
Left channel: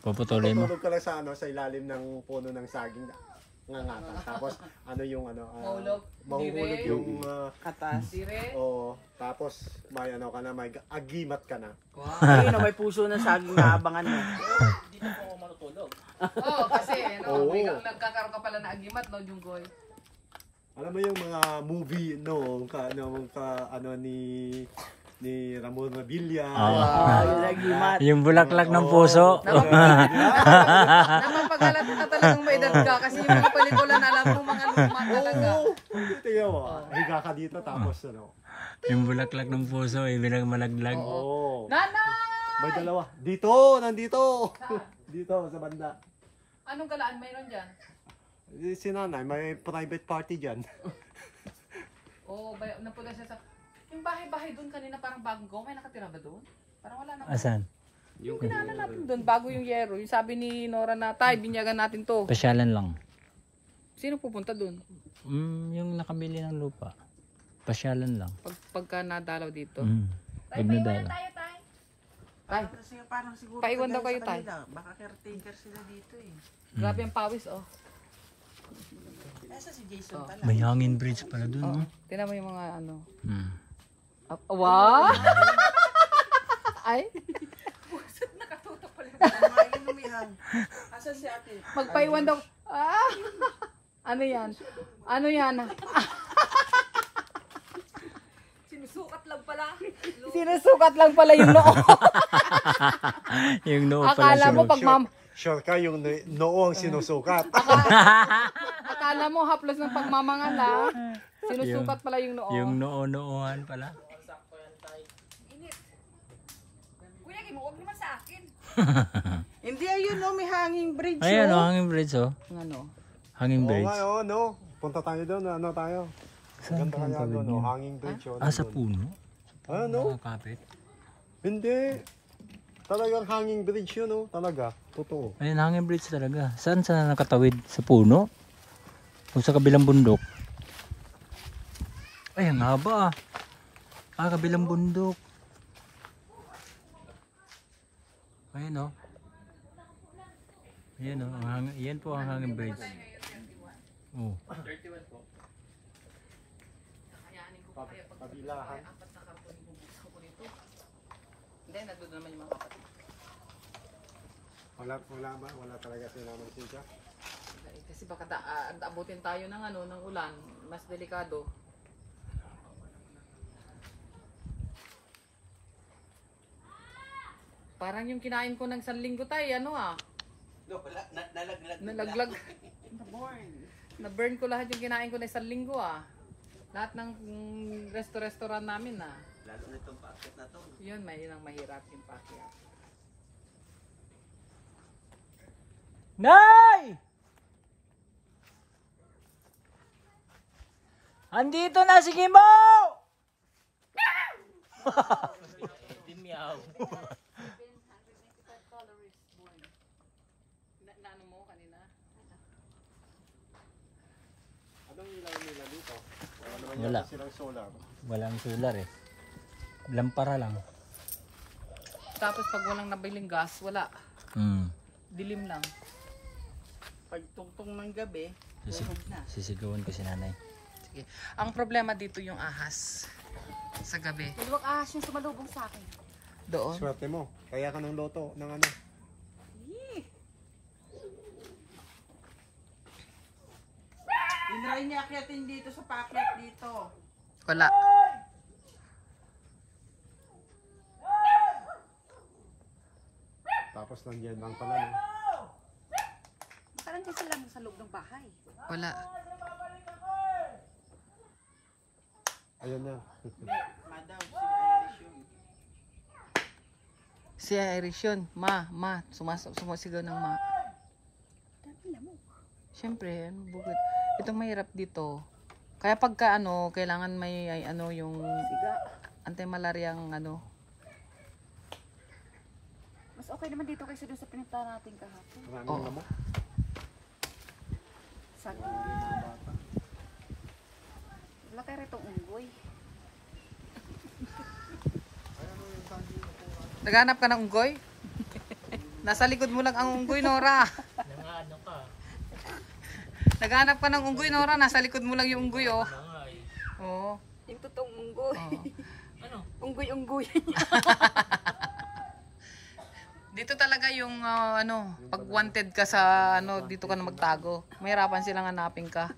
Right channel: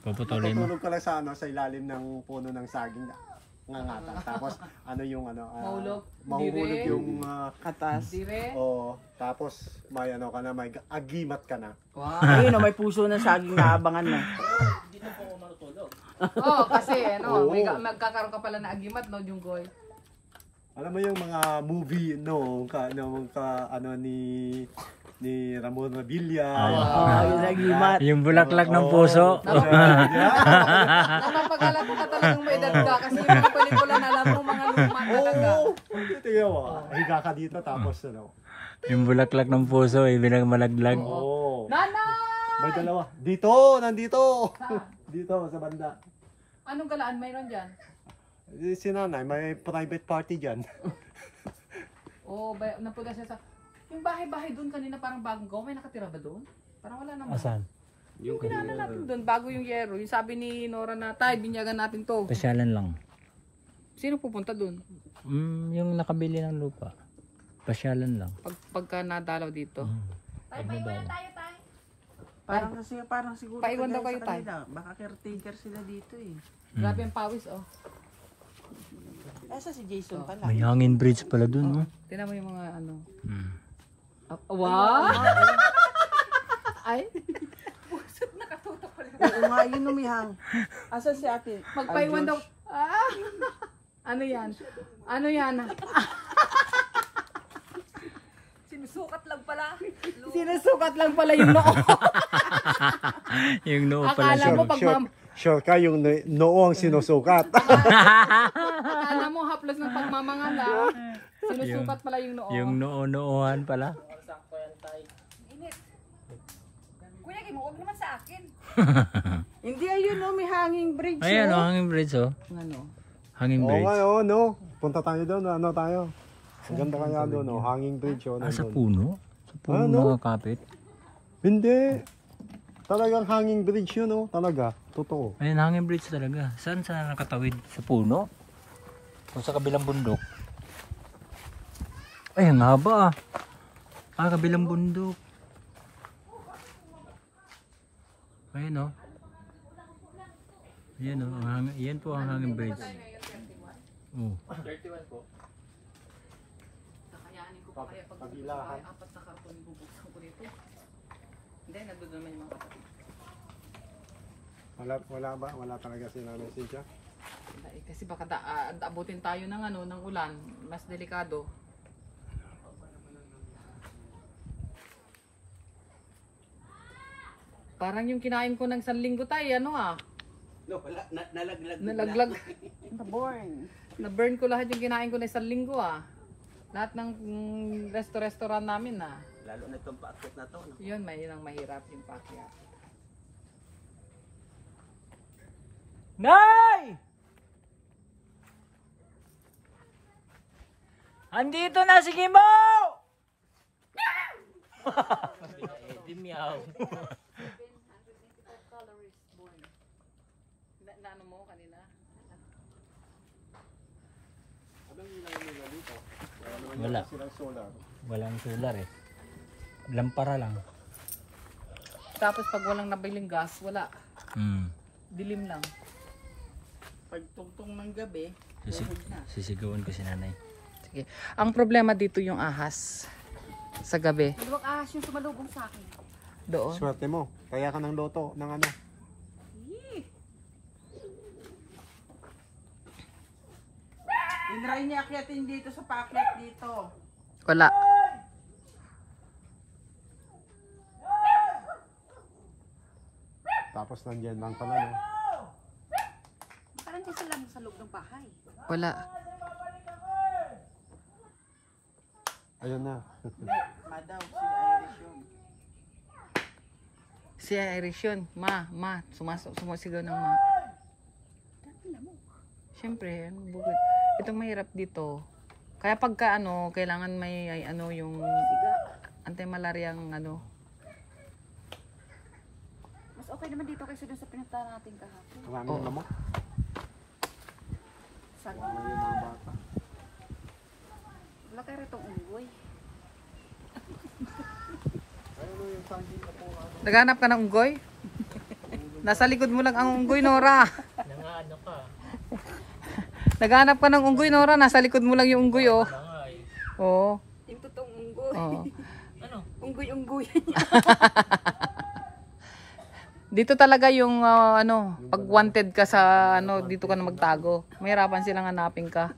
Paputuloy mo. matutulog ka lang sa ilalim ng puno ng saging ngangatan. Tapos Mahulog? mahuhulog Dire? yung Atas. Dire? tapos may may agimat ka na. Ayun o, may puso na saging na abangan mo. Oo, kasi Oo. nagkakaroon ka pala na agimat, no, Junggoy? Alam mo yung mga movie ni Ramon Revilla. Yung bulaklak ng puso. Nakapagalat ka talagang may dagda kasi yung mga pelikula na alam mo mga luma talaga. Oo! Tingnan mo, higa ka dito tapos Yung bulaklak ng puso, ibig malaglag. Oo. Nana! May dalawa. Dito! Nandito! Dito sa banda. Anong galaan mayroon dyan? Si nanay, may private party dyan. Oo, napunta siya sa... Yung bahay-bahay doon kanina parang bagong gawa. May nakatira ba doon? Parang wala naman. Asan? Yung kinala natin doon, bago yung yero. Yung sabi ni Nora na, tay, binyagan natin to. Pasyalan lang. Sino pupunta doon? Yung nakabili ng lupa. Pasyalan lang. Pagka nadalaw dito. Pag nadala. Parang siguro. Paiwan daw kayo, sa tay. kanila. Baka caretaker sila dito eh. Grabe ang pawis, oh. Nasa si Jason pala. May hangin bridge pala dun. Tingnan mo yung mga ano. Hmm. Wow! Ay, Oo nga, yun umihang. Asa si akin? magpaiwan daw. Ah! Ano yan? Ano yan? Sinusukat lang pala. Sinusukat lang pala yung noo. Yung noo pala Akala siya. mo pag Sure ka yung noo ang sinusukat. akala mo haplos ng pagmamangan na. Sinusukat pala yung noo. Yung noo-noohan pala. Kuya, huwag naman sa akin. Hindi, ayun o, may hanging bridge. Ayan, oh. hanging bridge oh. Ano? Hanging Oo bridge. nga, no. Punta tayo doon, tayo. Ang ganda kaya doon, hanging bridge. Sa puno? Sa puno nakakapit? Hindi. Talagang hanging bridge yun, talaga. Totoo. Ayan, hanging bridge talaga. Saan sa nakatawid? Sa puno? O sa kabilang bundok? Ay, ang haba kabilang bundok. Ayan Ayan yan po ang hanging bridge. Oh. Kabilahan. Hindi, nagdoon naman yung mga kapatid. Wala talaga sila ng siya. Kasi baka abutin tayo ng ulan, mas delikado. Parang yung kinain ko ng sanlinggo tayo, No, wala, nalaglag. nalaglag. Born. Na-burn ko lahat yung kinain ko ng sanlinggo, Lahat ng restaurant namin, Lalo na itong packet na to. Yun, ang mahirap yung packet. Nay! Andito na si Kimbo! Meow. 795 calories born. Ano mo kanina? Anong ilang nila dito? Wala. Silang solar. Walang solar eh. Lampara lang. Tapos pag walang nabiling gas, wala. Dilim lang. Pag tungtong ng gabi, tuhog na. Sisigawan ko si nanay. Sige. Ang problema dito yung ahas. Sa gabi. Dalawang ahas yung sumalubong sa akin. Doon. Swerte mo. Kaya ka ng loto, ng ano. Tinry niya akyatin dito sa packet dito. Wala. Tapos nandiyan lang pala, Saan kasi lang sa loob ng bahay? Wala. Ayun na. Hindi, madaw, si Irish yun. Si Irish yun. Sumasigaw ng ma. Siyempre, bukod. Itong mahirap dito. Kaya pagka kailangan may yung anti-malaryang okay naman dito kasi doon sa pinunta natin kahapon. Maraming lamok. Sa wala kayo rito unggoy. Naghanap ka ng unggoy? Nasa likod mo lang ang unggoy, Nora. Nangaano ka? Naghanap ka ng unggoy, Nora. Nasa likod mo lang yung unggoy, oh. Nangay. Oo. Yung totoong unggoy. Oo. Ano? Unggoy-unggoy. Dito talaga yung pag wanted ka sa dito ka na magtago. Mahirapan silang hanapin ka.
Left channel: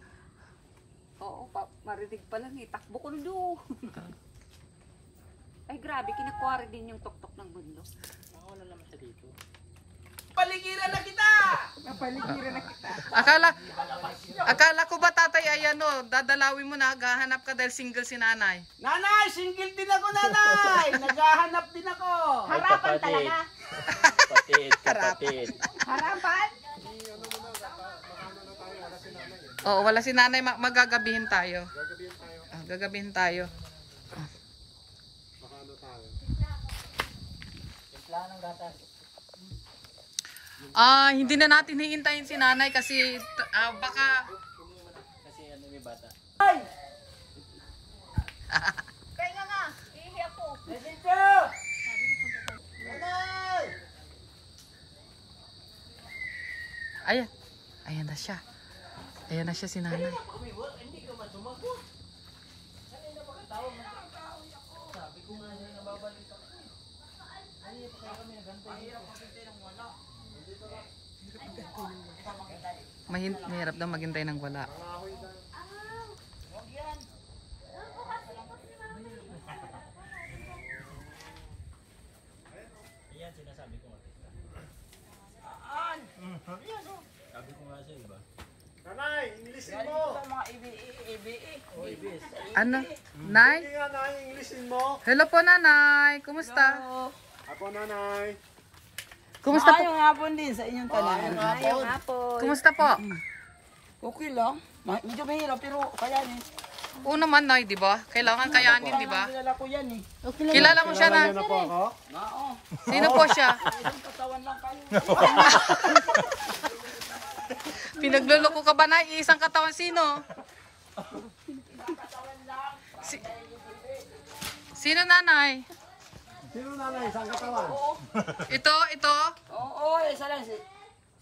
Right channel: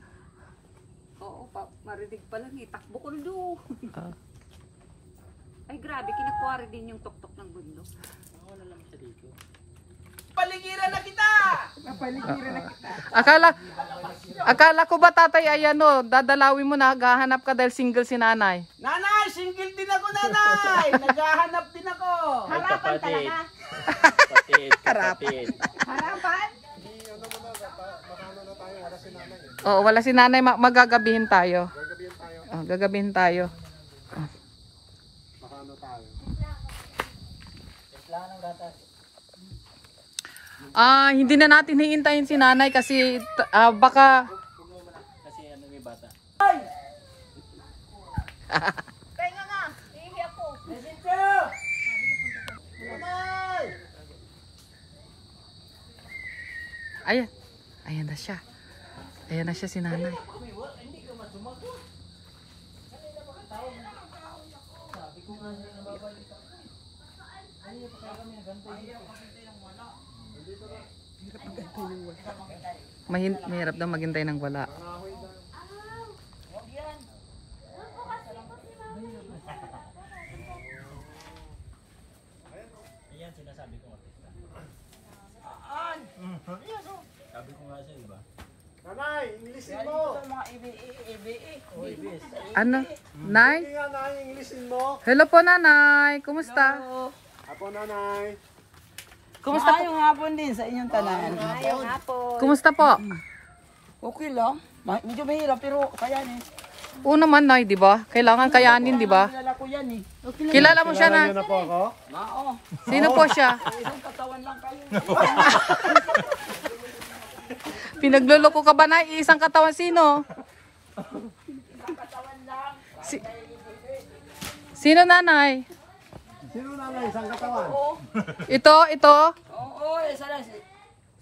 Oo, marinig pa lang eh. Takbo ko na doon. Ah. Ay grabe, kinakuha din yung tok-tok ng bundok. Wala lang siya dito. Mapaligiran na kita. Akala ko ba tatay ay dadalawin mo na, gahanap ka dahil single si nanay. Nanay, single din ako, nanay. Naghahanap din ako. Harapan talaga. Kapatid. Harapan? Makano na tayo, wala si nanay eh. Oo, wala si nanay, magagabihin tayo. Gagabihin tayo. Gagabihin tayo. Makano tayo. Timplahan ng gatas. Hindi na natin hihintayin si nanay kasi baka Kasi ano may bata. Kaya nga, ihi ako. ayan. Ayan na siya. Ayan na siya si nanay. Mahirap daw maghintay ng wala. Ayan, sinasabi ko artista. Sabi ko nga sa iba. Nanay, Englishin mo! Mga EBE. Oy, bis. Ano? Nay? Hindi nga, nanay, Englishin mo! Hello po nanay. Kumusta? Ako, nanay. Kumusta po? Maayong hapon din sa inyong tanan. Kumusta po? Okay lang. Medyo mahirap pero kayanin. Oo naman nay, di ba? Kailangan kayanin, di ba? Kilala ko yan eh. Kilala mo siya Kilala na? niyo na po ako? Oo. Sino po siya? Isang katawan lang kayo. Pinagluloko ka ba na? Isang katawan sino? Sino nanay? Sino nanay? Isang katawan? Ito? Oo, isa lang.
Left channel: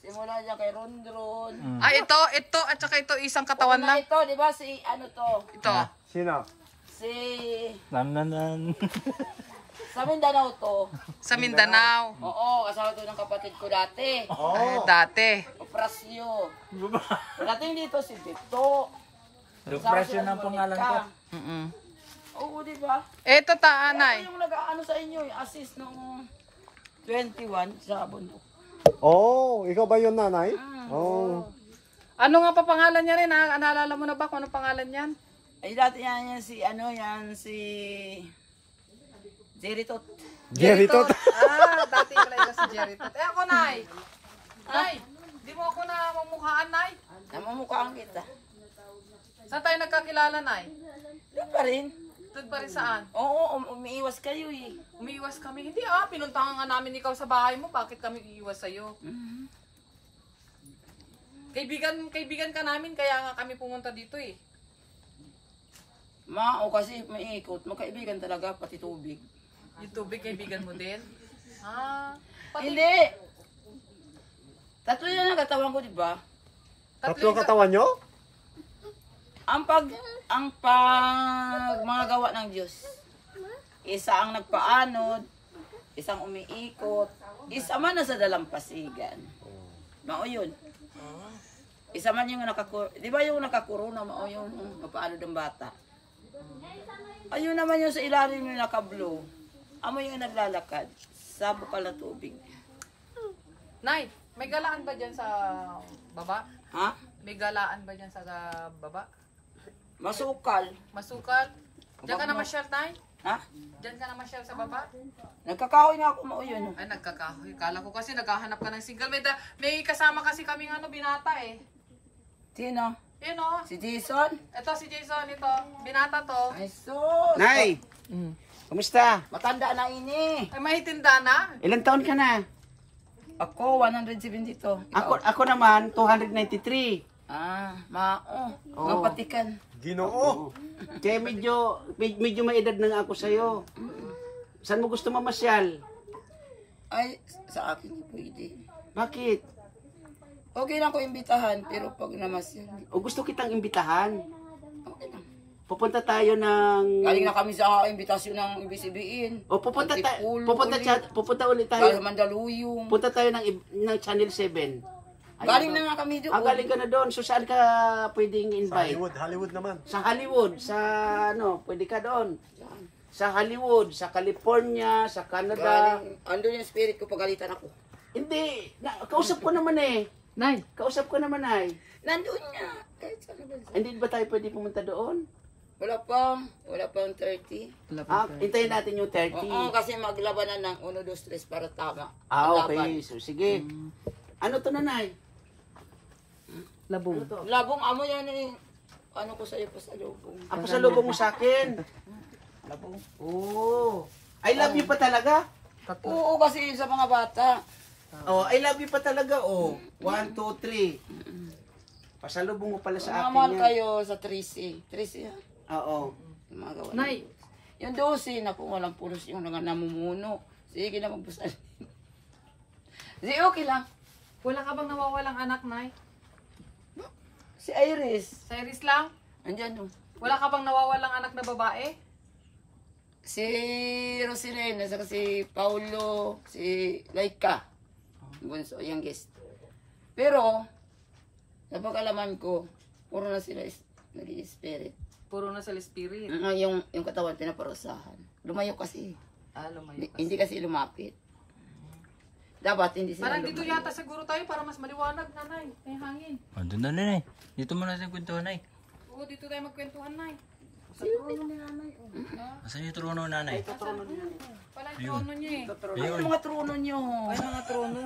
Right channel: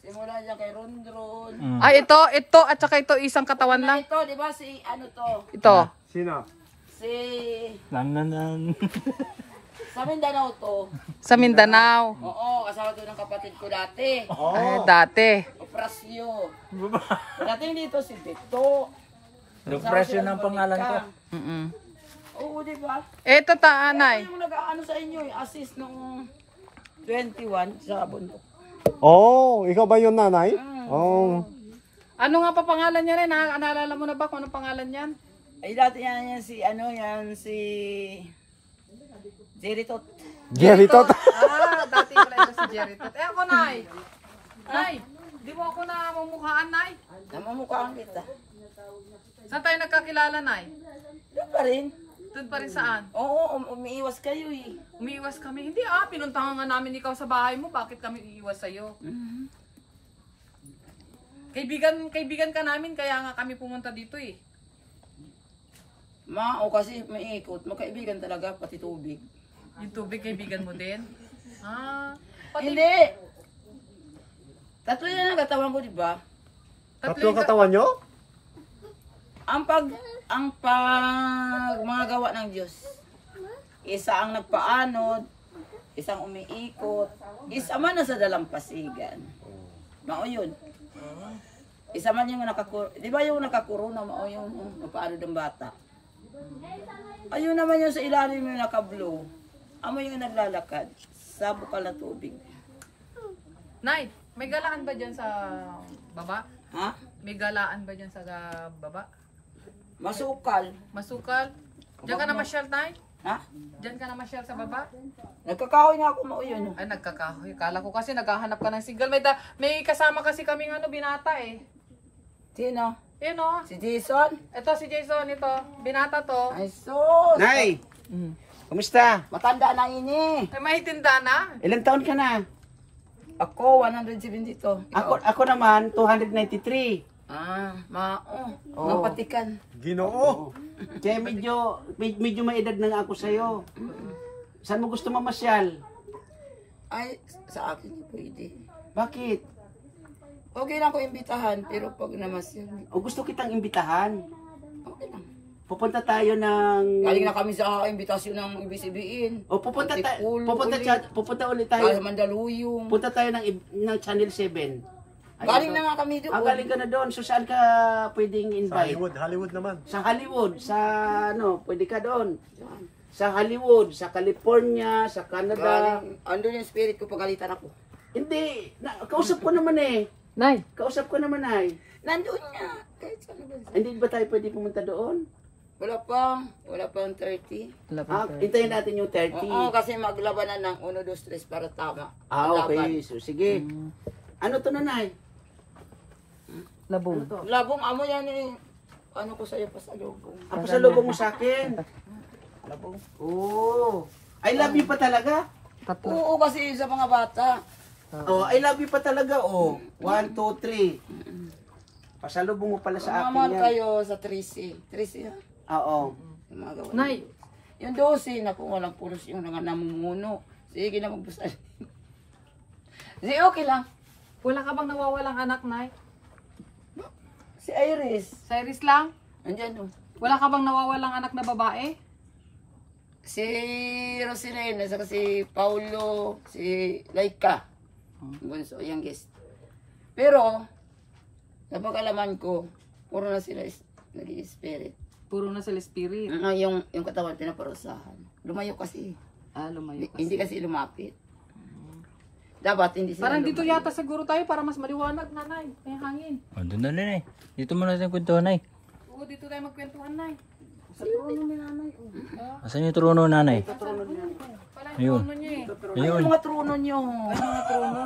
Simula dyan kay Rondron. Ay, ito, at saka ito, isang katawan lang. Ito, di ba si ano to? Ito. Sino? Si... Nan. Sa Mindanao to. Sa Mindanao. Oo, kasama to ng kapatid ko dati. Ay, dati. Oprasyo. Dating dito si Tito. Depression ang pangalan ko. Mm-mm. Oo, di ba? Ito taanay. Yung nag-ano sa inyo, assist nung 21 sa bundok. Oh, ikaw ba yun, nanay? Oh. Ano nga pa pangalan niya rin? Naalala mo na ba kung anong pangalan niyan? Ay, dati yan si Jeritot. Jeritot. Dati ko lang si Jerry. Ako, Nay. Nay, di mo ako namumukhaan, Nay. Namamukhaan kita. Saan tayo nagkakilala, Nay? Doon pa rin. Doon pa rin saan? Oo, umiiwas kayo eh. Umiiwas kami. Hindi pinuntahan nga namin ikaw sa bahay mo. Bakit kami iiwas sa'yo? Kaibigan ka namin, kaya nga kami pumunta dito eh. Kasi may ikot. Magkaibigan talaga, pati tubig. Yung tubig, kaibigan mo din? Pati Hindi! Tatlo yan ang katawan ko, di ba? Tatlo katawan nyo? Ang mga gawa ng Diyos. Isa ang nagpaanod, isang umiikot, isa man na sa dalampasigan. Mao yun. Isa man yung di ba yung nakakuruna, mao yung nagpaanod ng bata. Ayun naman yung sa ilalim yung nakablow. Amo yung naglalakad sa bukal na tubig. Nay, may galaan ba dyan sa baba? Ha? May galaan ba dyan sa baba? Masukal. Masukal? Diyan ka na masyal, Nay? Ha? Diyan ka na masyal sa baba? Nagkakahoy nga ako, mao yun. Ay, nagkakahoy. Kala ko kasi naghahanap ka ng single. May kasama kasi kaming binata eh. Sino? Yun o. Si Jason? Ito si Jason, ito. Binata to. Ay, sus! Nay, kumusta? Matanda na ini. Ay, mahitinda na. Ilang taon ka na? Ako, 172. Ikaw? Ako naman, 293. Mga patikan. Ginoo. Kaya medyo may edad na nga ako sa'yo. Saan mo gusto mamasyal? Ay, sa akin pwede. Bakit? Okay lang ko imbitahan, pero pag namasyan, O gusto kitang imbitahan? okay lang. Pupunta tayo ng... Galing na kami sa imbitasyon ng ibig O pupunta Antipolo pupunta ulit Kaya tayo. Mandaluyong. Punta tayo ng Channel 7. Galing na nga kami doon. Galing ka na doon. So saan ka pwedeng Sa invite? Hollywood naman. Sa Hollywood, sa pwede ka doon. Sa Hollywood, sa California, sa Canada. Andun yung spirit ko, pagalitan ako. Hindi, kausap ko naman eh. Nay, Kausap ko naman ay. Nandun nga. Kahit saan ba? Hindi ba tayo pwede pumunta doon? Wala pa ang 30. Hintayin natin yung 30. Oo, kasi maglabanan ng 1, 2, 3 para tama. Ang Okay, laban. so sige. Ano to nanay? labong. Labong amo yan eh. Ano ko sa'yo pa sa lubong? Ako sa lubong mo sa akin. Labong. Oh. I love you pa talaga? Oo, kasi sa mga bata. Oh, I love you pa talaga. Oh. 1, 2, 3. Pasalubong mo pala sa Mamahal akin yan. kayo sa 3C. 3C ha? Oo. Yung mga gawa. Nay, Yung 12, naku, walang pulos yung namumuno. Sige na magbusal. Sige, okay lang. wala ka bang nawawalang anak, Nay? Si Iris. Sa Iris lang? Andyan doon. Wala ka bang nawawalang anak na babae? Si Rosilena, saka si Paulo, si Laika. Bunso, yung guest. Pero, napag-alaman ko, puro na sila nag-i-spirit. Puro na sila spirit. Yung katawan pinaparusahan. Lumayo kasi. Lumayo. Hindi kasi lumapit. Dapat hindi sila Parang dito lumayo. yata siguro tayo para mas maliwanag, Nanay. Yung hangin. O, doon na Nay. Dito mo natin kwentuhan, Nay. Oo, dito tayo magkwentuhan, Nay. Asan yung trono, Nanay? Pala yung trono niya eh. Ayun. Yung mga trono nyo. Ay, mga trono.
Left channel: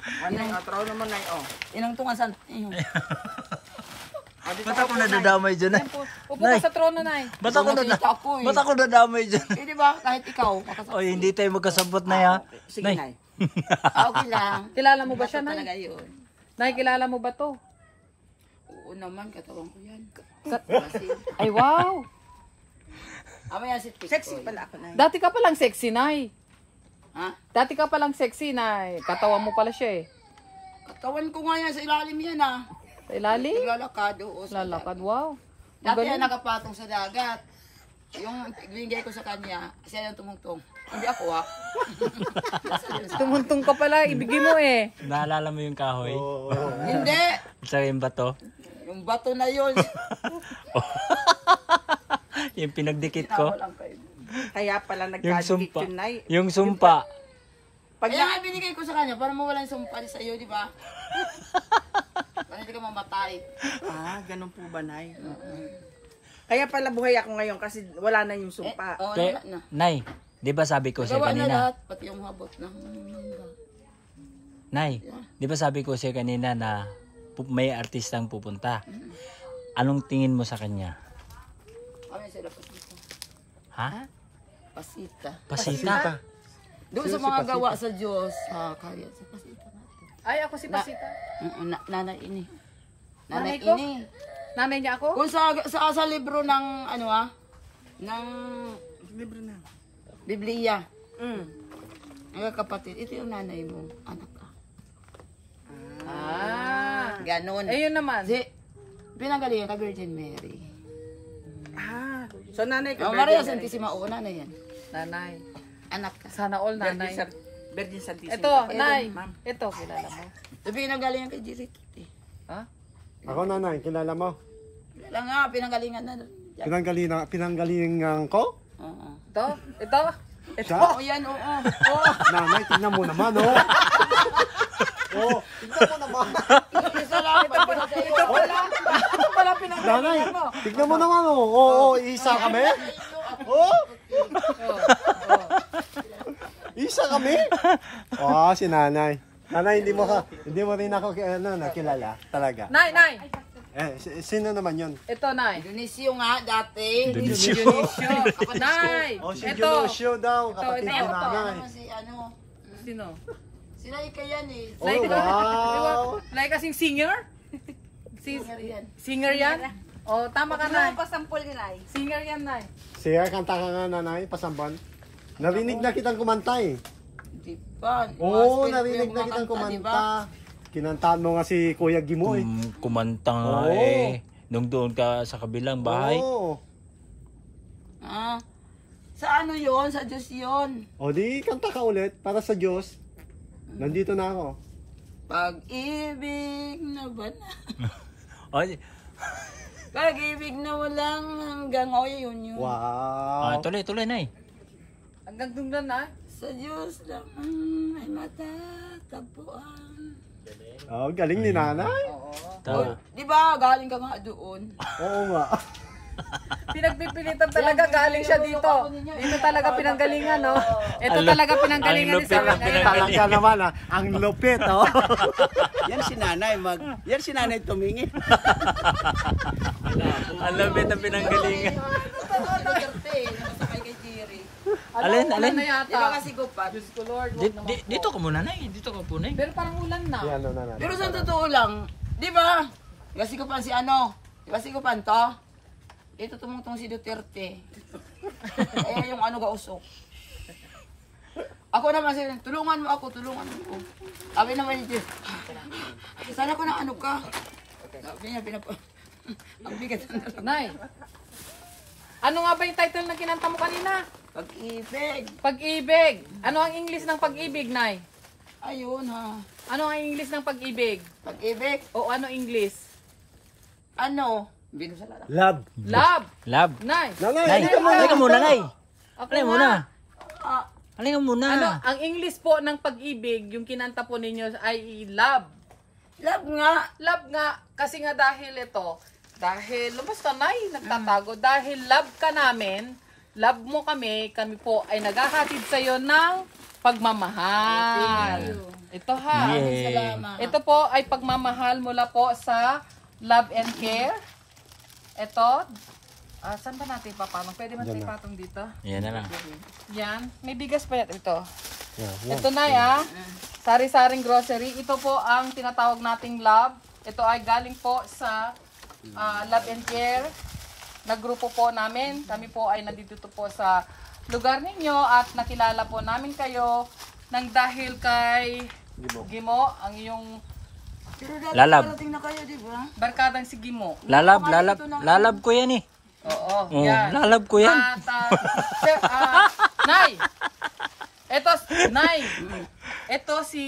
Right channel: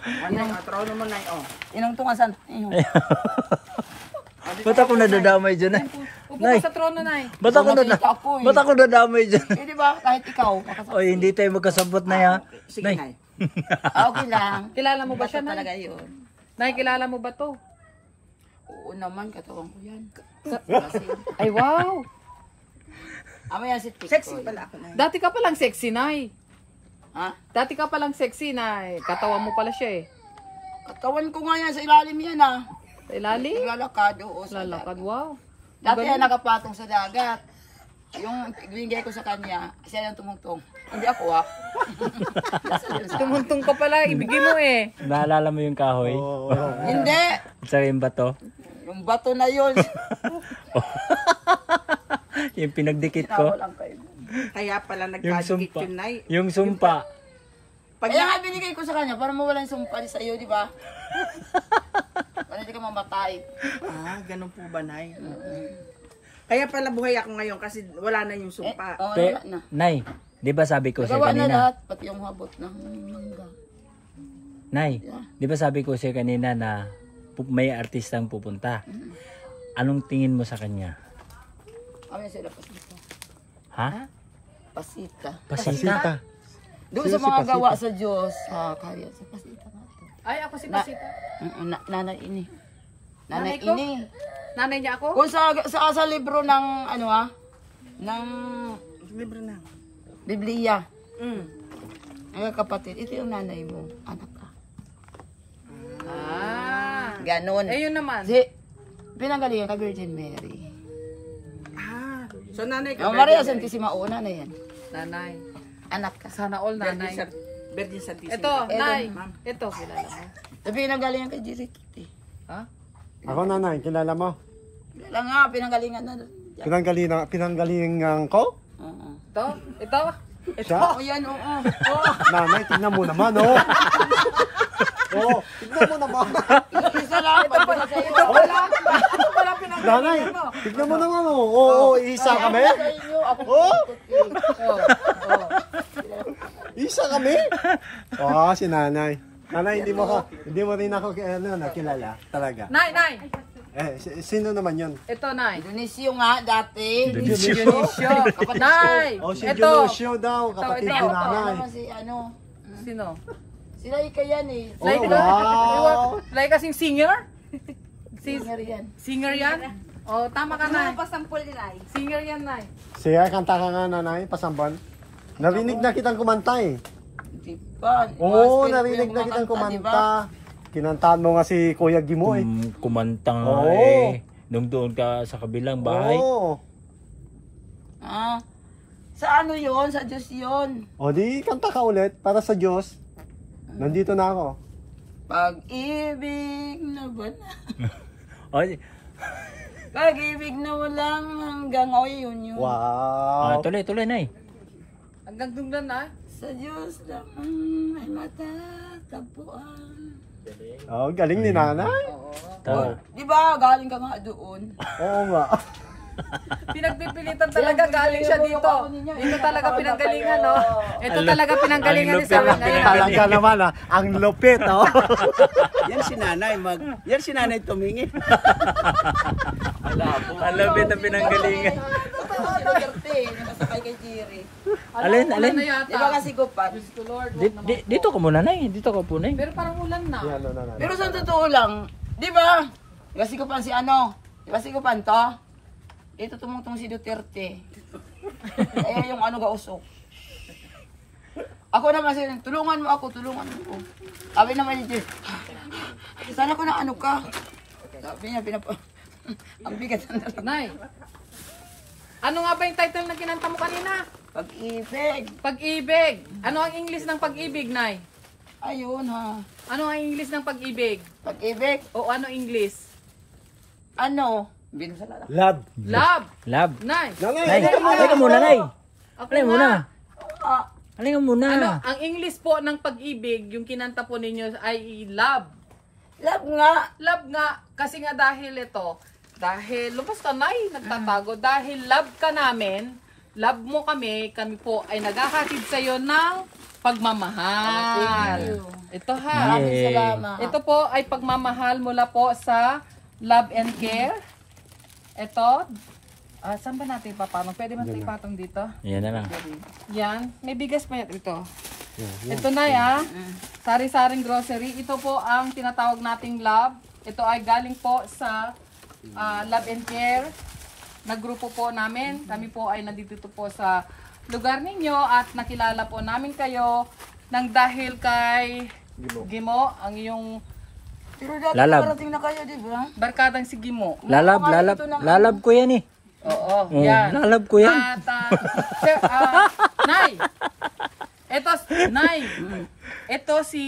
Ano yung trono mo na yun? Inang tungasan. Ba't ako nadadamay dyan, Nay? Upo ka sa trono, Nay. Ba't ako Ba't ako nadamay dyan? Eh, di ba? Kahit ikaw. Oy, hindi tayo magkasabot na ya. Sige, Nay. Okay lang. Kilala mo ba Basta siya, Nay? talaga yun. Nay, kilala mo ba to? Oo naman, katawan ko yan. Ay, wow. Ama yan si Tikoy. Sexy pala ako na. Dati ka palang sexy, Nay. Ha? Dati ka palang sexy, Nay. Katawan mo pala siya eh. Katawan ko nga yan sa ilalim yan ah. Sa ilalim? Naglalakad, oo, sa Lalakad, dagat. wow. Dati yan nakapatong sa dagat. Yung binigay ko sa kanya, siya yung tumungtong. Hindi ako ah. Tumuntong ka pala, ibigay mo eh. Naalala mo yung kahoy? Hindi. At saka yung bato? Yung bato na yun. Yung pinagdikit ko? Tinawa lang kayo. Kaya pala Yung nagkadikit sumpa. yun, Nay. Yung sumpa. Kaya nga binigay ko sa kanya para mawala yung sumpa sa iyo, di ba? Para hindi ka mamatay. Ganun po ba, Nay? Kaya pala buhay ako ngayon kasi wala na yung sumpa. Oo, Pe, wala na. Nay, di ba sabi ko siya Nagawa na kanina? lahat, pati yung habot ng mangga. Nay, di ba sabi ko siya kanina na may artistang pupunta? Anong tingin mo sa kanya? Ano yung sila pasita? Ha? Pasita. Pasita? Doon sa mga gawa sa Diyos, sa karya, sa pasita nga to. Ay, ako si Pasita. Nanay ini. Nanay Nanay ko? ini. Nanay niya ako? Kung sa libro ng ano ng Libre na. Biblia, Mm. mga kapatid, ito yung nanay mo, anak ka. Ah. Ganon. Eh, yun naman. Si, pinanggalingan ka Virgin Mary. So, Nanay ka. Oh, Maria Santissima, una na yan. Nanay. Anak ka. Sana all nanay. Virgin Santissima. Ito, Nay. Ito, kilala mo. So, pinanggalingan kay Jirituti. Ha? Ako nanay, kilala mo? Wala nga, pinanggalingan na doon. Pinanggalingan ko? Oo. Ito? Ito? Siya? Oo, yan, oo. Nanay, tingnan mo naman, oh. Oh, tingnan mo naman. Ito pala Nanay, tignan mo naman, oh. Oo, isa kami? Oh? Isa kami? Oh, si nanay. Nanay, hindi mo rin ako nakilala talaga. Nay, Nay. Sino naman yun? Ito, Nay. Dionisio nga, dati. Dionisio. Nay. Oh, si Ito. Dionisio daw, kapatid ito. ni Ako pa, nanay. naman si ano. Sino? Sila yan eh. Like, like kasing singer? Singer yan. Singer yan? O, tama ka na. Singer yan, Nay. Siya, kanta ka nga nanay, pasambal. Narinig na kitang kumanta eh. Di ba? Oo, Mga narinig yung na mga kitang kanta, di ba? kumanta. Kinantaan mo nga si Kuya Gimo eh. Kumanta nga Oo. eh. Nung doon ka sa kabilang bahay. Oo. Ah, sa ano yon? Sa Diyos yon. O di, kanta ka ulit para sa Diyos. Nandito na ako. Pag-ibig na ba na? Oh, Pag-ibig na walang hanggang. O, yun yun. Wow. tuloy, Nay. Hanggang doon na, Nay. Sa Diyos lang ay matatagpuan. Oh, galing ni nanay. Tama. Di ba, galing ka nga doon. Oo nga. Pinagpipilitan talaga, galing siya dito. Ito talaga pinanggalingan, no? Ito talaga pinanggalingan ni lupit Sawin. ng pinanggalingan. Kaya naman ah, ang lupit oh. Yan si nanay tumingin. Ang lapit na pinanggalingan. Nakasakay kay Jerry. Alin? Di ba kasi gupat? Dito ka muna, Nay. Dito ka po, Nay. Pero parang ulan na. Yan, no, nanay. Pero sa totoo lang, di ba? Di ba sigupan si ano? Di ba sigupan to? Ito tumutong si Duterte. Kaya yung ano gausok. Ako naman siya, tulungan mo ako. Sabi naman ni Jess, sana ko na ano ka. Sabi niya, ang bigat ng dalaga. Nay, ano nga ba yung title na kinanta mo kanina? Pag-ibig. Pag-ibig. Ano ang English ng pag-ibig, Nay? Ayun ha. Ano ang English ng pag-ibig? Pag-ibig. O ano English? Ano? Binusalala. Love. Love. Love. Nay. Nay, halika muna, Nay. Ako Halika muna. Ah, Halika muna. Ano, ang English po ng pag-ibig, yung kinanta po ninyo ay love. love nga. Love nga, kasi nga dahil ito, dahil, lumos ka Nay, nagtatago, dahil love ka namin, love mo kami po ay naghahatid sa'yo ng pagmamahal. Ito ha. Maraming Yay. salamat. Ito po ay pagmamahal mula po sa Love and Care. Ito, saan ba natin ipapatong? Pwede man ito ipatong dito? Yan na lang. Yan. May bigas pa yan. Ito. Ito na ya. Sari-saring grocery. Ito po ang tinatawag nating love. Ito ay galing po sa Love and Care na grupo po namin. Kami po ay nandito po sa lugar ninyo at nakilala po namin kayo nang dahil kay Gimo, ang iyong Pero dati Lalab. parating na kayo, di ba? barkadang si Gimo. Lalab ko yan eh. Oo, Oh, yan. lalab ko yan. At, Nay, ito si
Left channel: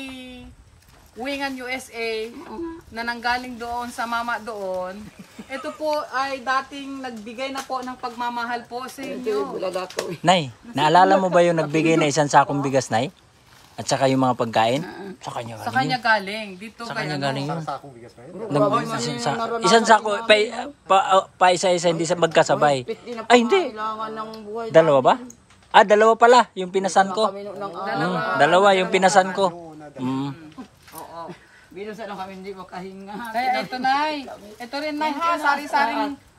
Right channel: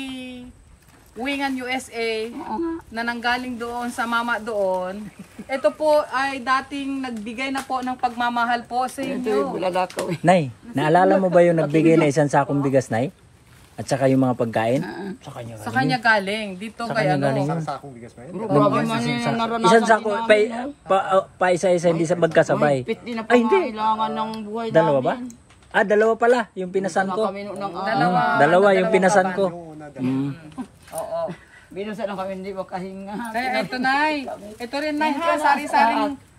Wingan USA na nanggaling doon sa mama doon. Ito po ay dating nagbigay na po ng pagmamahal po sa inyo. Nay, naalala mo ba yung nagbigay na isang sakong bigas, Nay? At saka yung mga pagkain? Sa kanya Sa kanya galing. Dito Sa kay kanya ano. galing yun. Sa akong bigas na yun. Isang sako, pa isa-isa, hindi sa magkasabay. Ay, hindi. Kailangan ng buhay. Dalawa ba? Dalawa pala, yung pinasan ko. Dalawa yung pinasan ko. Oo. Binusan lang kami, hindi makahinga. Kaya ito Nay. Ito rin Nay ha.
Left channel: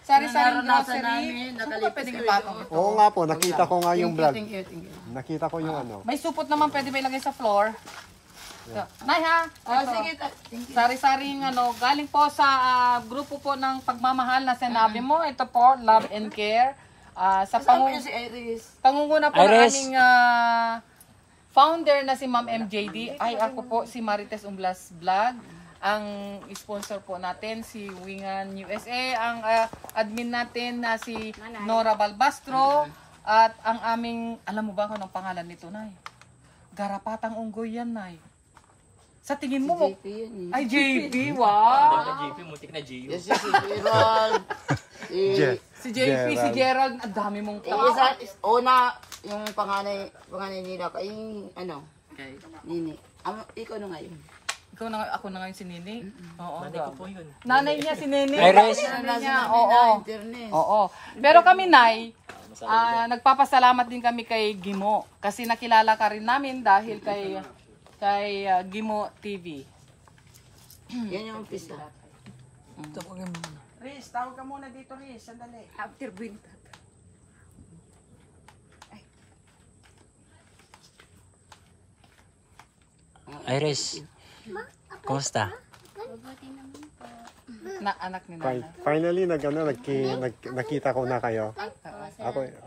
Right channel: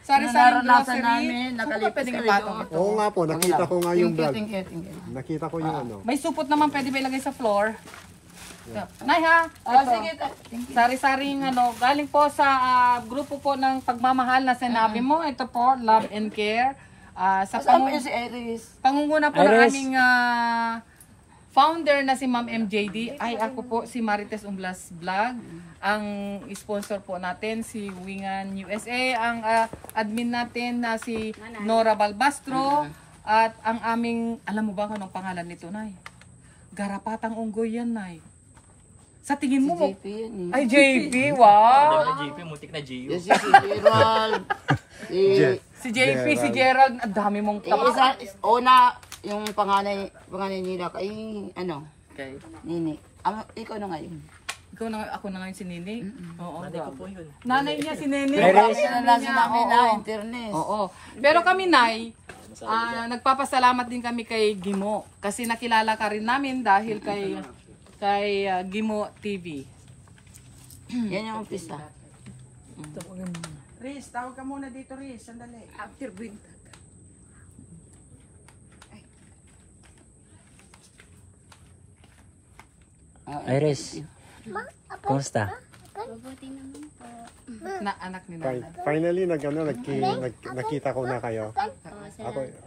Sari-saring Naranasan grocery. namin, Saan ba nakalipas pwedeng rin ipatong doon. ito? Oo nga po, nakita ko nga yung vlog. Thank you. Nakita ko yung ano. May supot naman pwede ba ilagay sa floor? Nay ha. Oh, Ito. sige, thank you. Sari-saring galing po sa grupo po ng pagmamahal na sinabi mo. Ito po, Love and Care. Sa Saan pa yun si Iris? pangunguna po ng Iris. aming founder na si Ma'am MJD. Ay ako po si Marites Umblas Vlog. Ang sponsor po natin si Wingan USA. Ang admin natin na si Nora Balbastro. At ang aming, alam mo ba kung anong pangalan nito, Nay? Garapatang Unggoy yan, Nay. Sa tingin mo, JP yun eh. ay JP, wow! JP, mutik na Gio. Si JP, si Gerald, ang dami mong tama. Una, yung panganay nila kay, ano, Okay. Nini. Ikaw na ngayon. Ikaw na, ako na ngayon si Nini? Oo, grabe. Nanay niya si Nini. Iris. Nalasi namin na internet. Oo. Pero kami, Nay, nagpapasalamat din kami kay Gimo. Kasi nakilala ka rin namin dahil kay Gimo TV. Yan yung umpisa. Riz, tawag ka muna dito, Riz. Sandali. After big. Iris, kumusta? Mabuti naman po. Na anak ni Nana. Finally, nakita ko na kayo.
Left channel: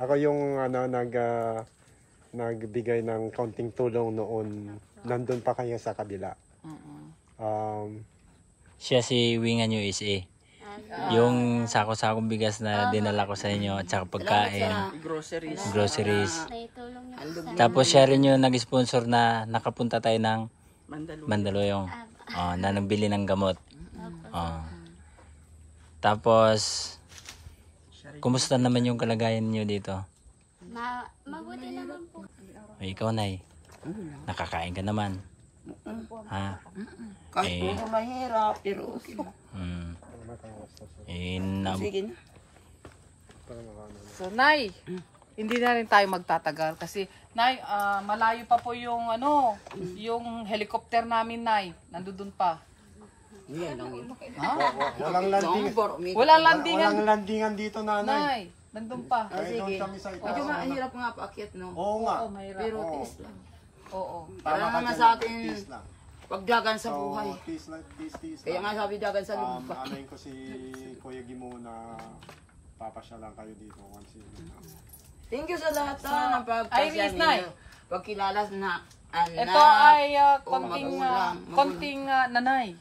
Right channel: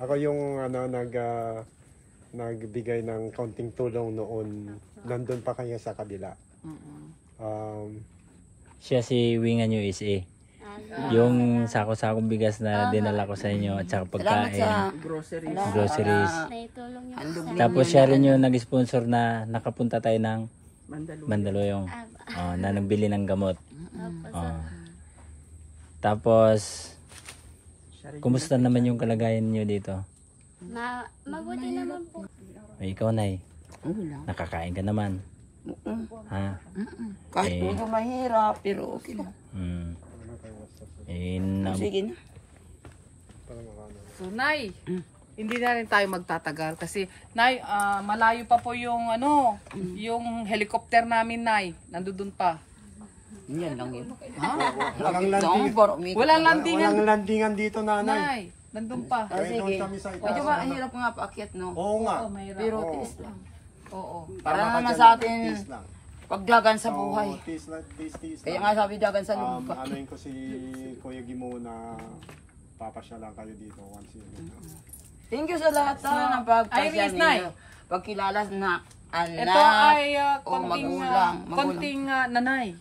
Ako yung nagbigay ng konting tulong noon. Nandun pa kayo sa kabila. Siya si Wingan USA. Yung sako-sakong bigas na dinala ko sa inyo at saka pagkain, Groceries. groceries. Naitulong niyo po sa Tapos siya rin yung nag-sponsor na nakapunta tayo ng Mandaluyong. Mandaluyong. Na nagbili ng gamot. Tapos, kumusta naman yung kalagayan niyo dito? mabuti naman po. Ay, ikaw, Nay. Nakakain ka naman. Ha? Kahit Eh. medyo mahirap, pero okay lang. So, Sige na. Nay, hindi na rin tayo magtatagal kasi, Nay, malayo pa po yung yung helicopter namin, Nay. Nandun pa. Walang landing. Walang landingan. Walang landingan dito, nanay. Nay, nandun pa. Kahit doon Sige. kami sa Medyo mahirap nga paakyat, no? Oo nga. Pero tiis lang. Oo. Para Tama ka naman dyan, sa atin, tiis lang. pagdagan sa Oo, buhay. tiis lang. Kaya nga sabi dagan sa lupa. Anayin ko si Kuya Gimo na papasyalan kayo dito once yun. Thank you sa lahat ng pagpasya Iris, Nay. ninyo. Pagkilala na anak. Ito ay o magulang. nanay.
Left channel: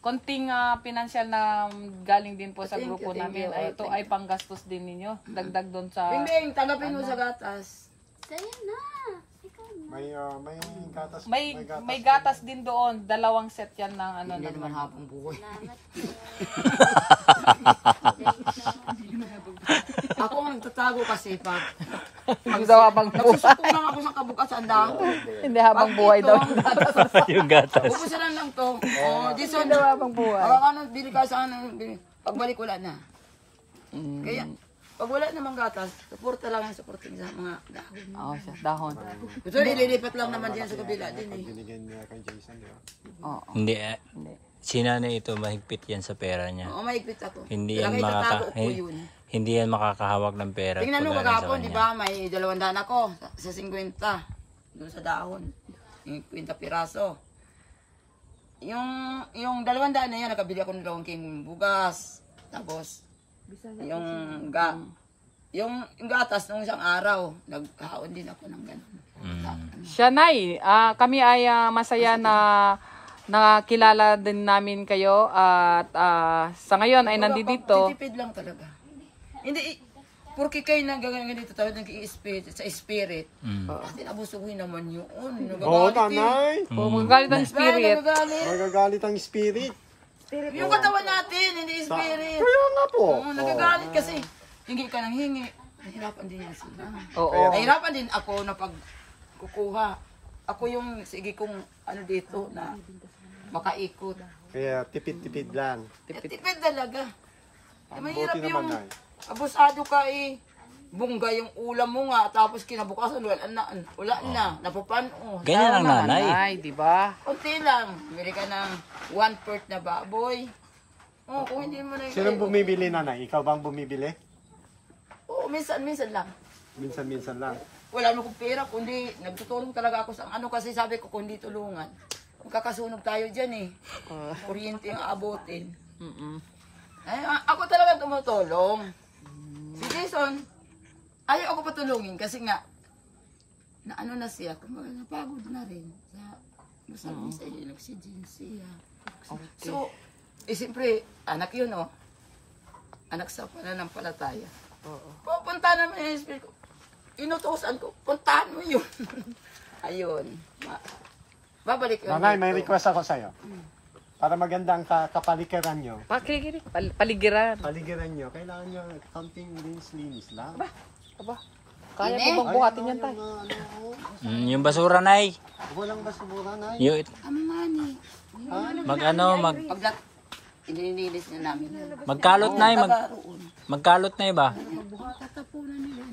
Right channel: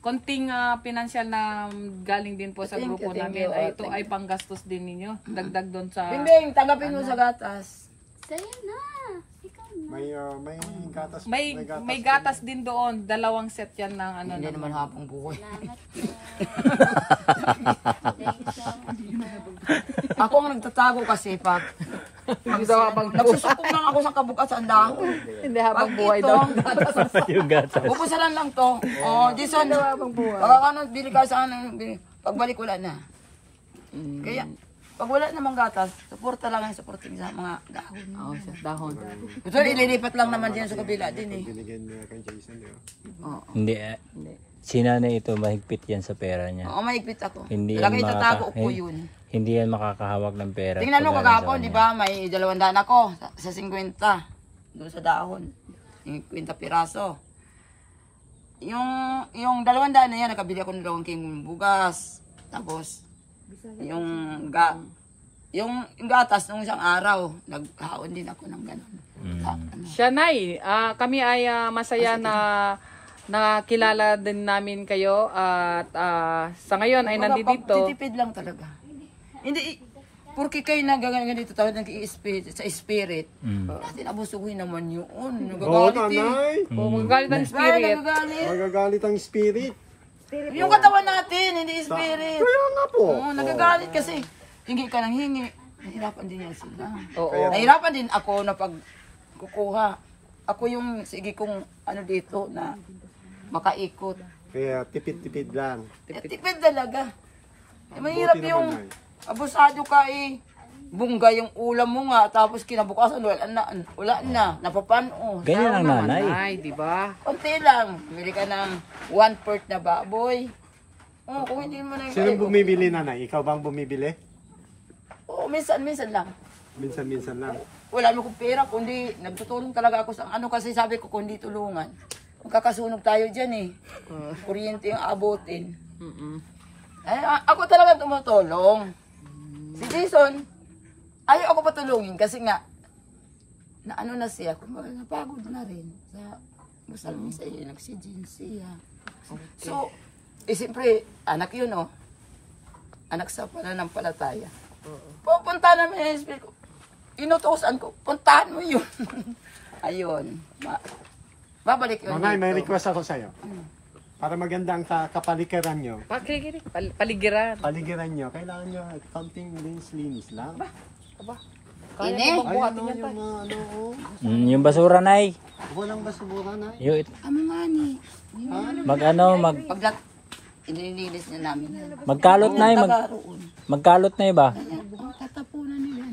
Konting pinansyal na galing din po sa Thank grupo you, thank namin. you. Ito ay panggastos din ninyo. Dagdag doon sa... Bimbing, tanggapin mo sa gatas. Sa'yo na. Ikaw na. May gatas. May gatas din doon. 2 set yan ng Hindi naman hapong buhay. Salamat po. Ako ang nagtatago kasi pag Hindi daw habang buhay. nagsusukong lang ako sa kabukasan dahon. Hindi habang Pag buhay ito, daw. Yung gatas. pupusalan lang to. Oh, Jason, baka bili ka sa pagbalik wala na. Kaya, pag wala namang gatas, suporta lang yung supporting sa mga dahon. Oo, sa dahon. Ito, ililipat lang naman din sa kabila din eh. Binigyan niya kay Jason. Hindi. Si nanay ito, mahigpit yan sa pera niya. Oo, mahigpit ako. Hindi yan, Lagi tatago ko yun. hindi yan makakahawak ng pera. Tingnan mo pag galing sa kagapon, kanya. di ba? May 200 ako sa 50. Doon sa dahon. Yung 50 piraso. Yung 200 na yan, nakabili ako ng 2 king bugas. Tapos, yung gatas nung isang araw, naghaon din ako ng gano'n. Siya, Nay. Kami ay masaya na nakilala din namin kayo at sa ngayon ay nandito. Titipid lang talaga. Hindi, porque kayo nagagaling dito tayo nag-i-spirit, sa spirit. Natin abusuhin naman yun. Nagagalit eh. Magalit ng Ay, spirit. nagagalit. Nagagalit ang spirit. Yung katawan natin, hindi spirit. Kaya nga po. Oo, nagagalit kasi. Hingi ka ng hingi. Nahirapan din yan sila. Oo. Nahirapan din ako na pagkukuha. Ako yung, sige kung ano dito na makaikot. Kaya tipid-tipid lang. Tipid talaga. Mahirap Buti yung naman, Nay. abusado ka eh. Bungga yung ulam mo nga, tapos kinabukasan wala na, napapano. Ganyan ang nanay. Ay, di ba? Konti lang, bili ka ng 1/4 na baboy. Oh, kung hindi mo na Sino bumibili, nanay? Ikaw bang bumibili? Oo, minsan lang. Minsan-minsan lang. Wala naman kong pera, kundi nagtutulong talaga ako sa ano kasi sabi ko kundi tulungan. Magkakasunog tayo dyan eh. Kuryente yung abutin. Ay, ako talaga tumutulong. Si Jason, ayaw ako patulungin kasi nga, na ano na siya, kumbaga napagod na rin. Sa masal sa iyo, nagsidin siya. So, siyempre, anak yun oh. Anak sa pananampalataya. Pupunta namin yung spirit ko. Inutosan ko, puntahan mo yun. Ayun. Babalik yun Nanay, may dito. request ako sa'yo. Para maganda ang kapaligiran nyo, Paligiran. kailangan nyo konting linis lang. Ini? Ay, ano yung mga Yung basura, Nay. walang basura, Nay. Yung, Amani. mag Inilinis niya namin. magkalot, Nay. Tagaroon. Magkalot na ba? Tatapunan nila.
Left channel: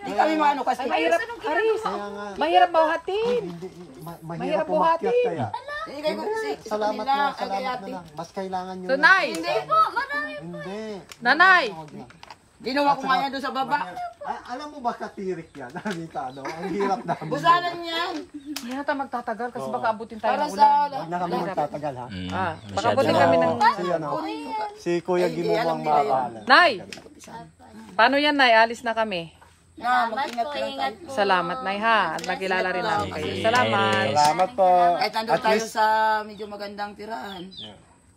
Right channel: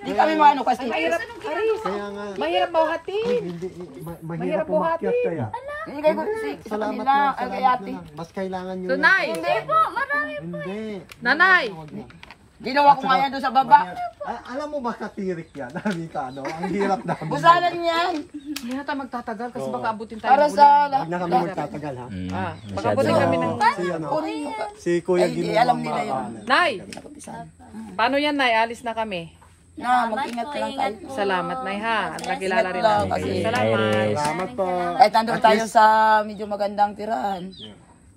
Di kami maano kasi. Kaya nga, Mahirap bahati. hindi, mahirap umakyat kaya. Hindi kayo Salamat na, salamat na lang. Mas kailangan nyo So, lang. Nay. Hindi. Nanay. Wag na. Ginawa ko nga yan doon sa baba. Alam mo ba katirik yan? Ano? Ang hirap namin. Busanan yan. Hindi na tayo magtatagal kasi baka abutin tayo Para ng sa... ulan. Huwag na kami magtatagal ha. Masyado Abutin na kami ako. ng... Si, ano, si Kuya Ay, Gino alam nila yun. Nay! Paano yan, Nay? Alis na kami. Na, mag-ingat lang tayo. Salamat, Nay, ha. Nakilala rin lang. ako. Sige, Salamat. Iris. Salamat po. Kahit nandun tayo sa medyo magandang tirahan.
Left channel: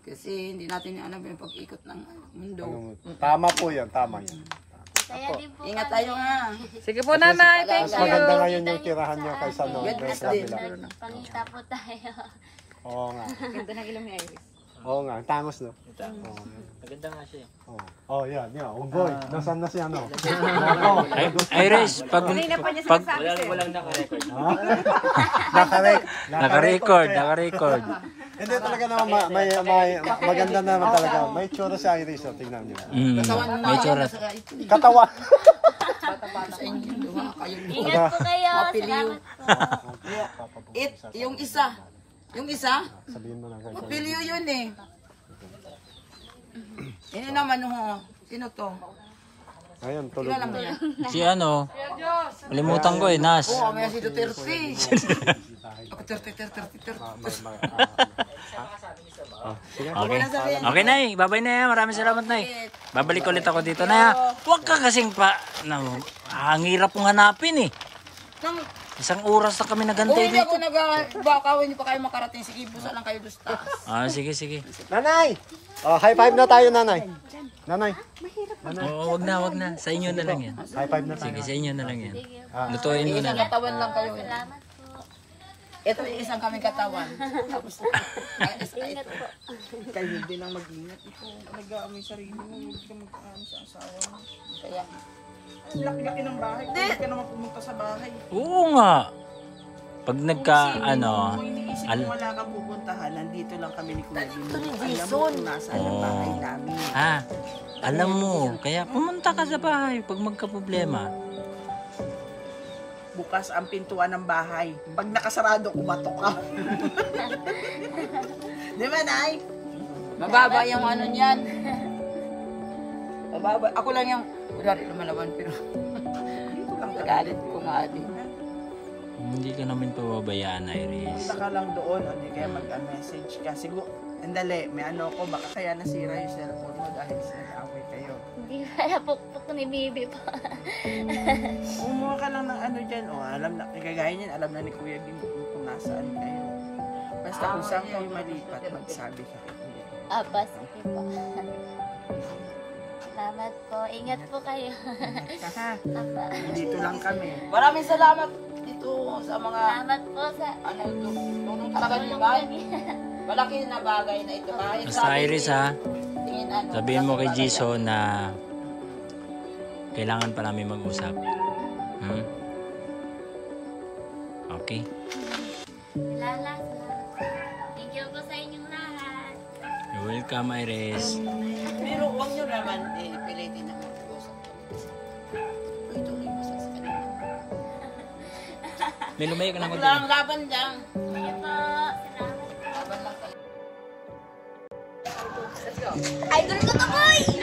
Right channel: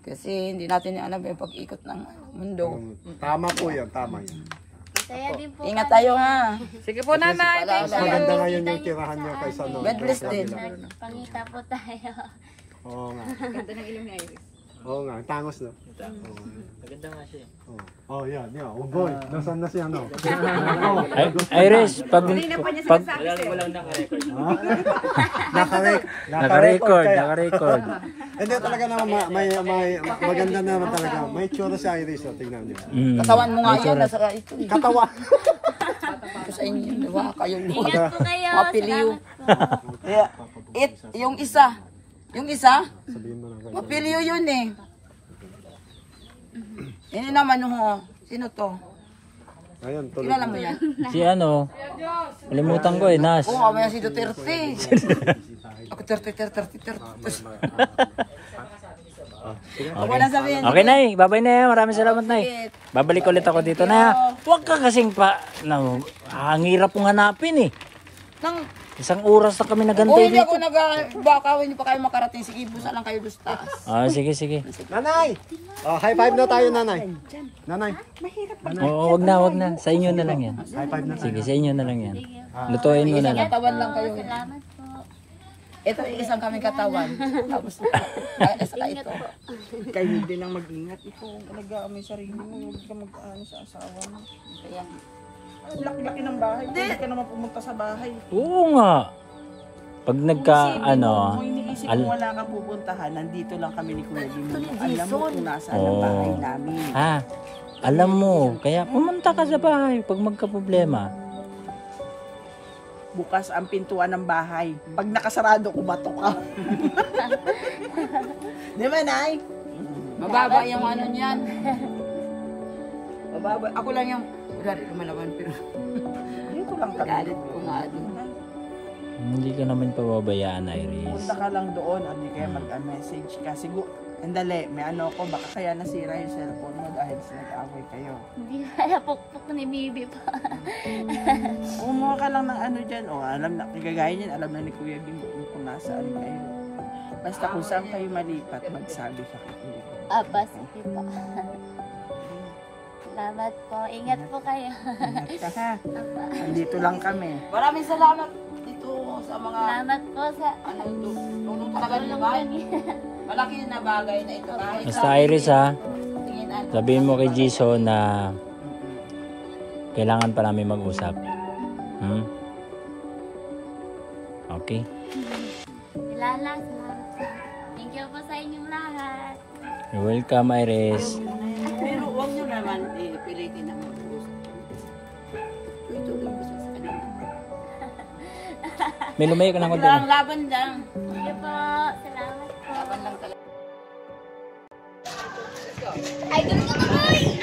Kasi hindi natin alam yung pag-ikot ng mundo. Tama po yan, tama. Masaya din po Ingat tayo ha. Sige po, Nanay. Thank Mas you. maganda ngayon yung tirahan niya kaysa noon. God bless din. Pangita po tayo. Oo nga. Oo nga, tangos no? Maganda nga siya. Oh, yan. Unggoy. Nasaan na siya, no? Iris, pag walang naka-record. Naka-record. Naka-record. Hindi talaga naman, maganda naman talaga. May tsura si Iris, oh, tingnan niyo. Katawan mo nga May yan. tsura. Nasa ito eh. Katawa. Ito sa inyo. Diba? Kayo Ingat po kayo. mapiliw. Salamat po. Yung isa. Yung isa? Sabihin mo lang. Mapiliw yun eh. Ini naman ho. Sino to? Ngayon, tuloy. Kilala mo yan? Si ano, kalimutan ko Nas. Oo, mamaya si Duterte. Ako 30. Okay. Okay, Nay. Bye-bye na. Maraming salamat, Nay. Babalik ulit ako dito, Nay. Huwag ka kasing ang hirap kong hanapin eh. Nang, Isang oras na kami nagantay hindi dito. ako baka hindi pa kayo makarating. Sige, busa lang kayo dos taas. Sige. Nanay! Oh, high five na tayo, nanay. Nanay. Oo, wag na. Sa inyo na lang yan. High five na tayo. Sige, sa inyo na lang yan. Lutuin mo na lang. Katawan lang kayo. Salamat po. Ito, isang kaming katawan. Tapos, isa ka ito. Kayo din ang mag-ingat. Ito, alagaan mo yung sarili mo. Huwag ka mag-ano sa asawa mo. Kaya, Ang laki-laki ng bahay. Hindi ka naman pumunta sa bahay. Oo nga. Pag Kung iniisip mo wala ka pupuntahan, nandito lang kami ni Kuya Gino. Alam mo kung nasaan ang bahay namin. alam mo, kaya pumunta ka sa bahay pag magka-problema. Bukas ang pintuan ng bahay. Pag nakasarado, kumatok ka. Di ba, Nay? mababa yung ano niyan. Mababa. Ako lang yung, kunwari lumalaban, pero Dito lang kami. galit ko nga. Hindi ka namin pababayaan, Iris. Punta ka lang doon. O di kaya mag-message ka. Siguro, andali, may ano ko, baka kaya nasira yung cellphone mo dahil nag-away kayo. Hindi kaya pukpuk ni Bibi pa. Umuha ka lang ng ano dyan. O, alam na, kagaya niyan, alam na ni Kuya Gino kung nasaan kayo. Basta kung saan kayo malipat, magsabi ka kay Kuya Gino. Sige po. Salamat po. Ingat po kayo. Ingat ka ha. Nandito lang kami. Maraming salamat dito sa mga Salamat po sa ano tulong talaga naman. Malaki na bagay na ito. Kahit Basta Iris tingin ano. sabihin mo kay Jason na kailangan pa namin mag-usap. Okay? Salamat po. Thank you po sa inyong lahat. You're welcome, Iris. Pero huwag nyo naman pilitin na mag-usap. Tuloy mo sa kanila. May lumayo ka na ako Walang laban lang. Thank you po. Salamat po. Laban lang talaga. Idol ko to, boy!